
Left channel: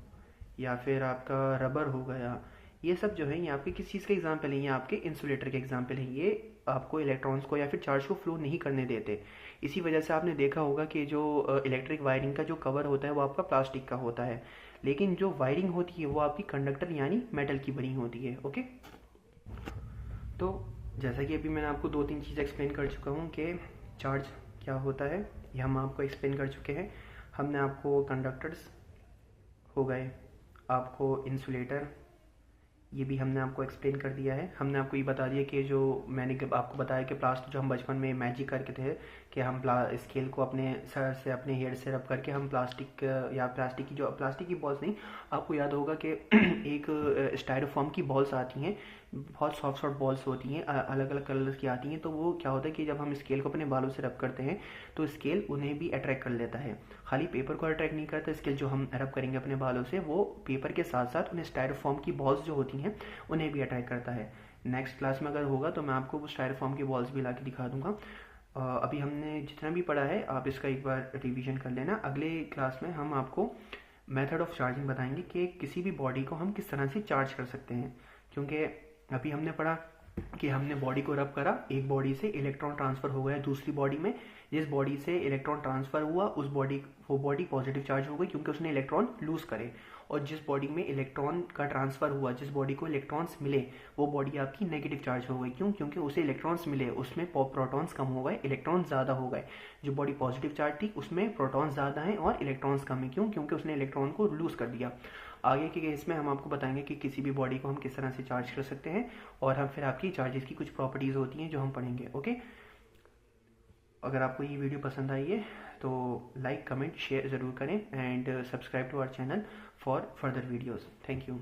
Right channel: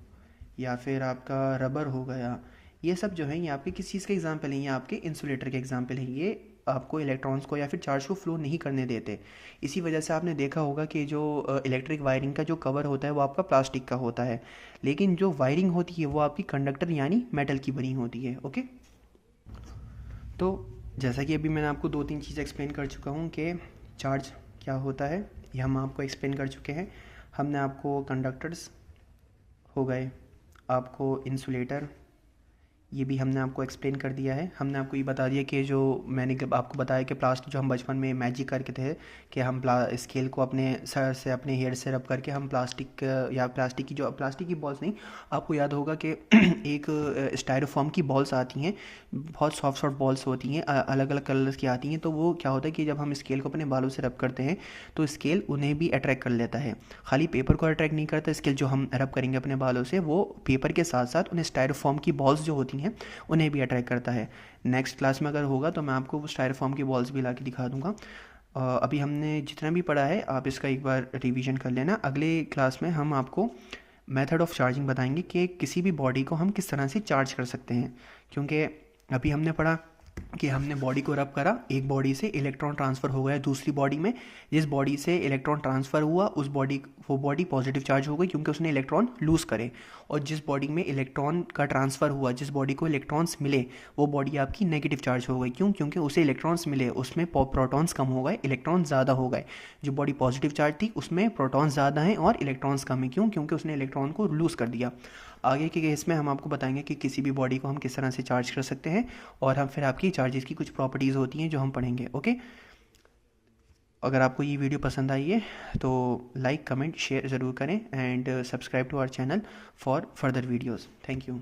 या फिर आपका रबर हो गया। ये सब जो है ये आपके किस चीज़ के एग्जाम्पल हैं, ये आपके इंसुलेटर के एग्जाम्पल हैं। ये आपको इलेक्ट्रॉन्स को या फिर चार्ज को फ्लो नहीं करने देते। इसी वजह से आपने देखा होगा कि जो इलेक्ट्रिक वायरिंग का जो कवर होता है वो आपका प्लास्टिक का होता है, लेकिन जो वायरिंग होती है वो आपकी कंडक्टर यानी मेटल की बनी होती है। ओके, तो जैसा कि अभी मैंने आपको 2-3 चीज़ एक्सप्लेन कर चुका हूँ कि चार्ज क्या होता है, ये हम आपको एक्सप्लेन कर चुके हैं। हमने आपको कंडक्टर्स हो गए, आपको इंसुलेटर, ये भी हमने आपको एक्सप्लेन कर दिया है। हमने आपको ये बता दिया कि जो मैंने आपको बताया कि प्लास्टिक जो हम बचपन में मैजिक करके थे कि हम स्केल को अपने सर से, अपने हेयर से रब करके हम प्लास्टिक या प्लास्टिक की बॉल्स नहीं, आपको याद होगा कि एक स्टायरोफॉर्म की बॉल्स आती हैं, बहुत सॉफ्ट सॉफ्ट बॉल्स होती हैं, अलग अलग कलर्स की आती हैं। तो वो क्या होता है कि जब हम स्केल को अपने बालों से रब करते हैं तो स्केल उन्हें भी अट्रैक्ट कर लेता है। खाली पेपर को अट्रैक्ट नहीं करता स्केल, जो हम रब करेंगे अपने बालों से वो पेपर के साथ साथ उन्हें स्टायरोफॉर्म की बॉल्स जो होती हैं उन्हें भी अट्रैक्ट करता है। नेक्स्ट क्लास में अगर होगा तो मैं आपको स्टायरोफॉर्म की बॉल्स भी ला के दिखा दूंगा। अभी हमने जितना भी पढ़ा है आप इसका एक बार रिवीजन कर लेना। अगले क्लास में हम आपको मेथड ऑफ चार्जिंग बताएंगे कि किसी भी बॉडी को हम किस तरह से चार्ज कर सकते हैं। क्योंकि अभी हमने पढ़ा कि हमने बॉडी को रब करा, एक बॉडी से इलेक्ट्रॉन ट्रांसफ़र हो गया दूसरी बॉडी में, जिस बॉडी से इलेक्ट्रॉन ट्रांसफ़र हुआ वो बॉडी पॉजिटिव चार्ज हो गई क्योंकि उसने इलेक्ट्रॉन लूज़ करे। और जिस बॉडी में इलेक्ट्रॉन का ट्रांसफ़र हुआ, जिस बॉडी को इलेक्ट्रॉन्स मिले, वो बॉडी आपकी नेगेटिव चार्ज हो गई। क्यों? क्योंकि उसे इलेक्ट्रॉन्स मिले, उसमें प्रोटॉन्स कम हो गए, इलेक्ट्रॉन ज़्यादा हो गए। जो बॉडी पॉजिटिव चार्ज थी उसमें प्रोटॉन्स ज़्यादा हैं और इलेक्ट्रॉन्स कम है। क्यों? क्योंकि उसने इलेक्ट्रॉन को लूज़ कर दिया। आगे के केस में हम आपको बताएंगे कि किसी भी बॉडी को हम किस तरह से चार्ज कर सकते हैं, और हम फिर आपकी चार्जेस की कुछ प्रॉपर्टीज़ होती हैं जो हम पढ़ेंगे। ओके, अगर आपको ये वीडियो पसंद आई है तो लाइक, कमेंट, शेयर ज़रूर करें and subscribe to our channel for further videos. Thank you.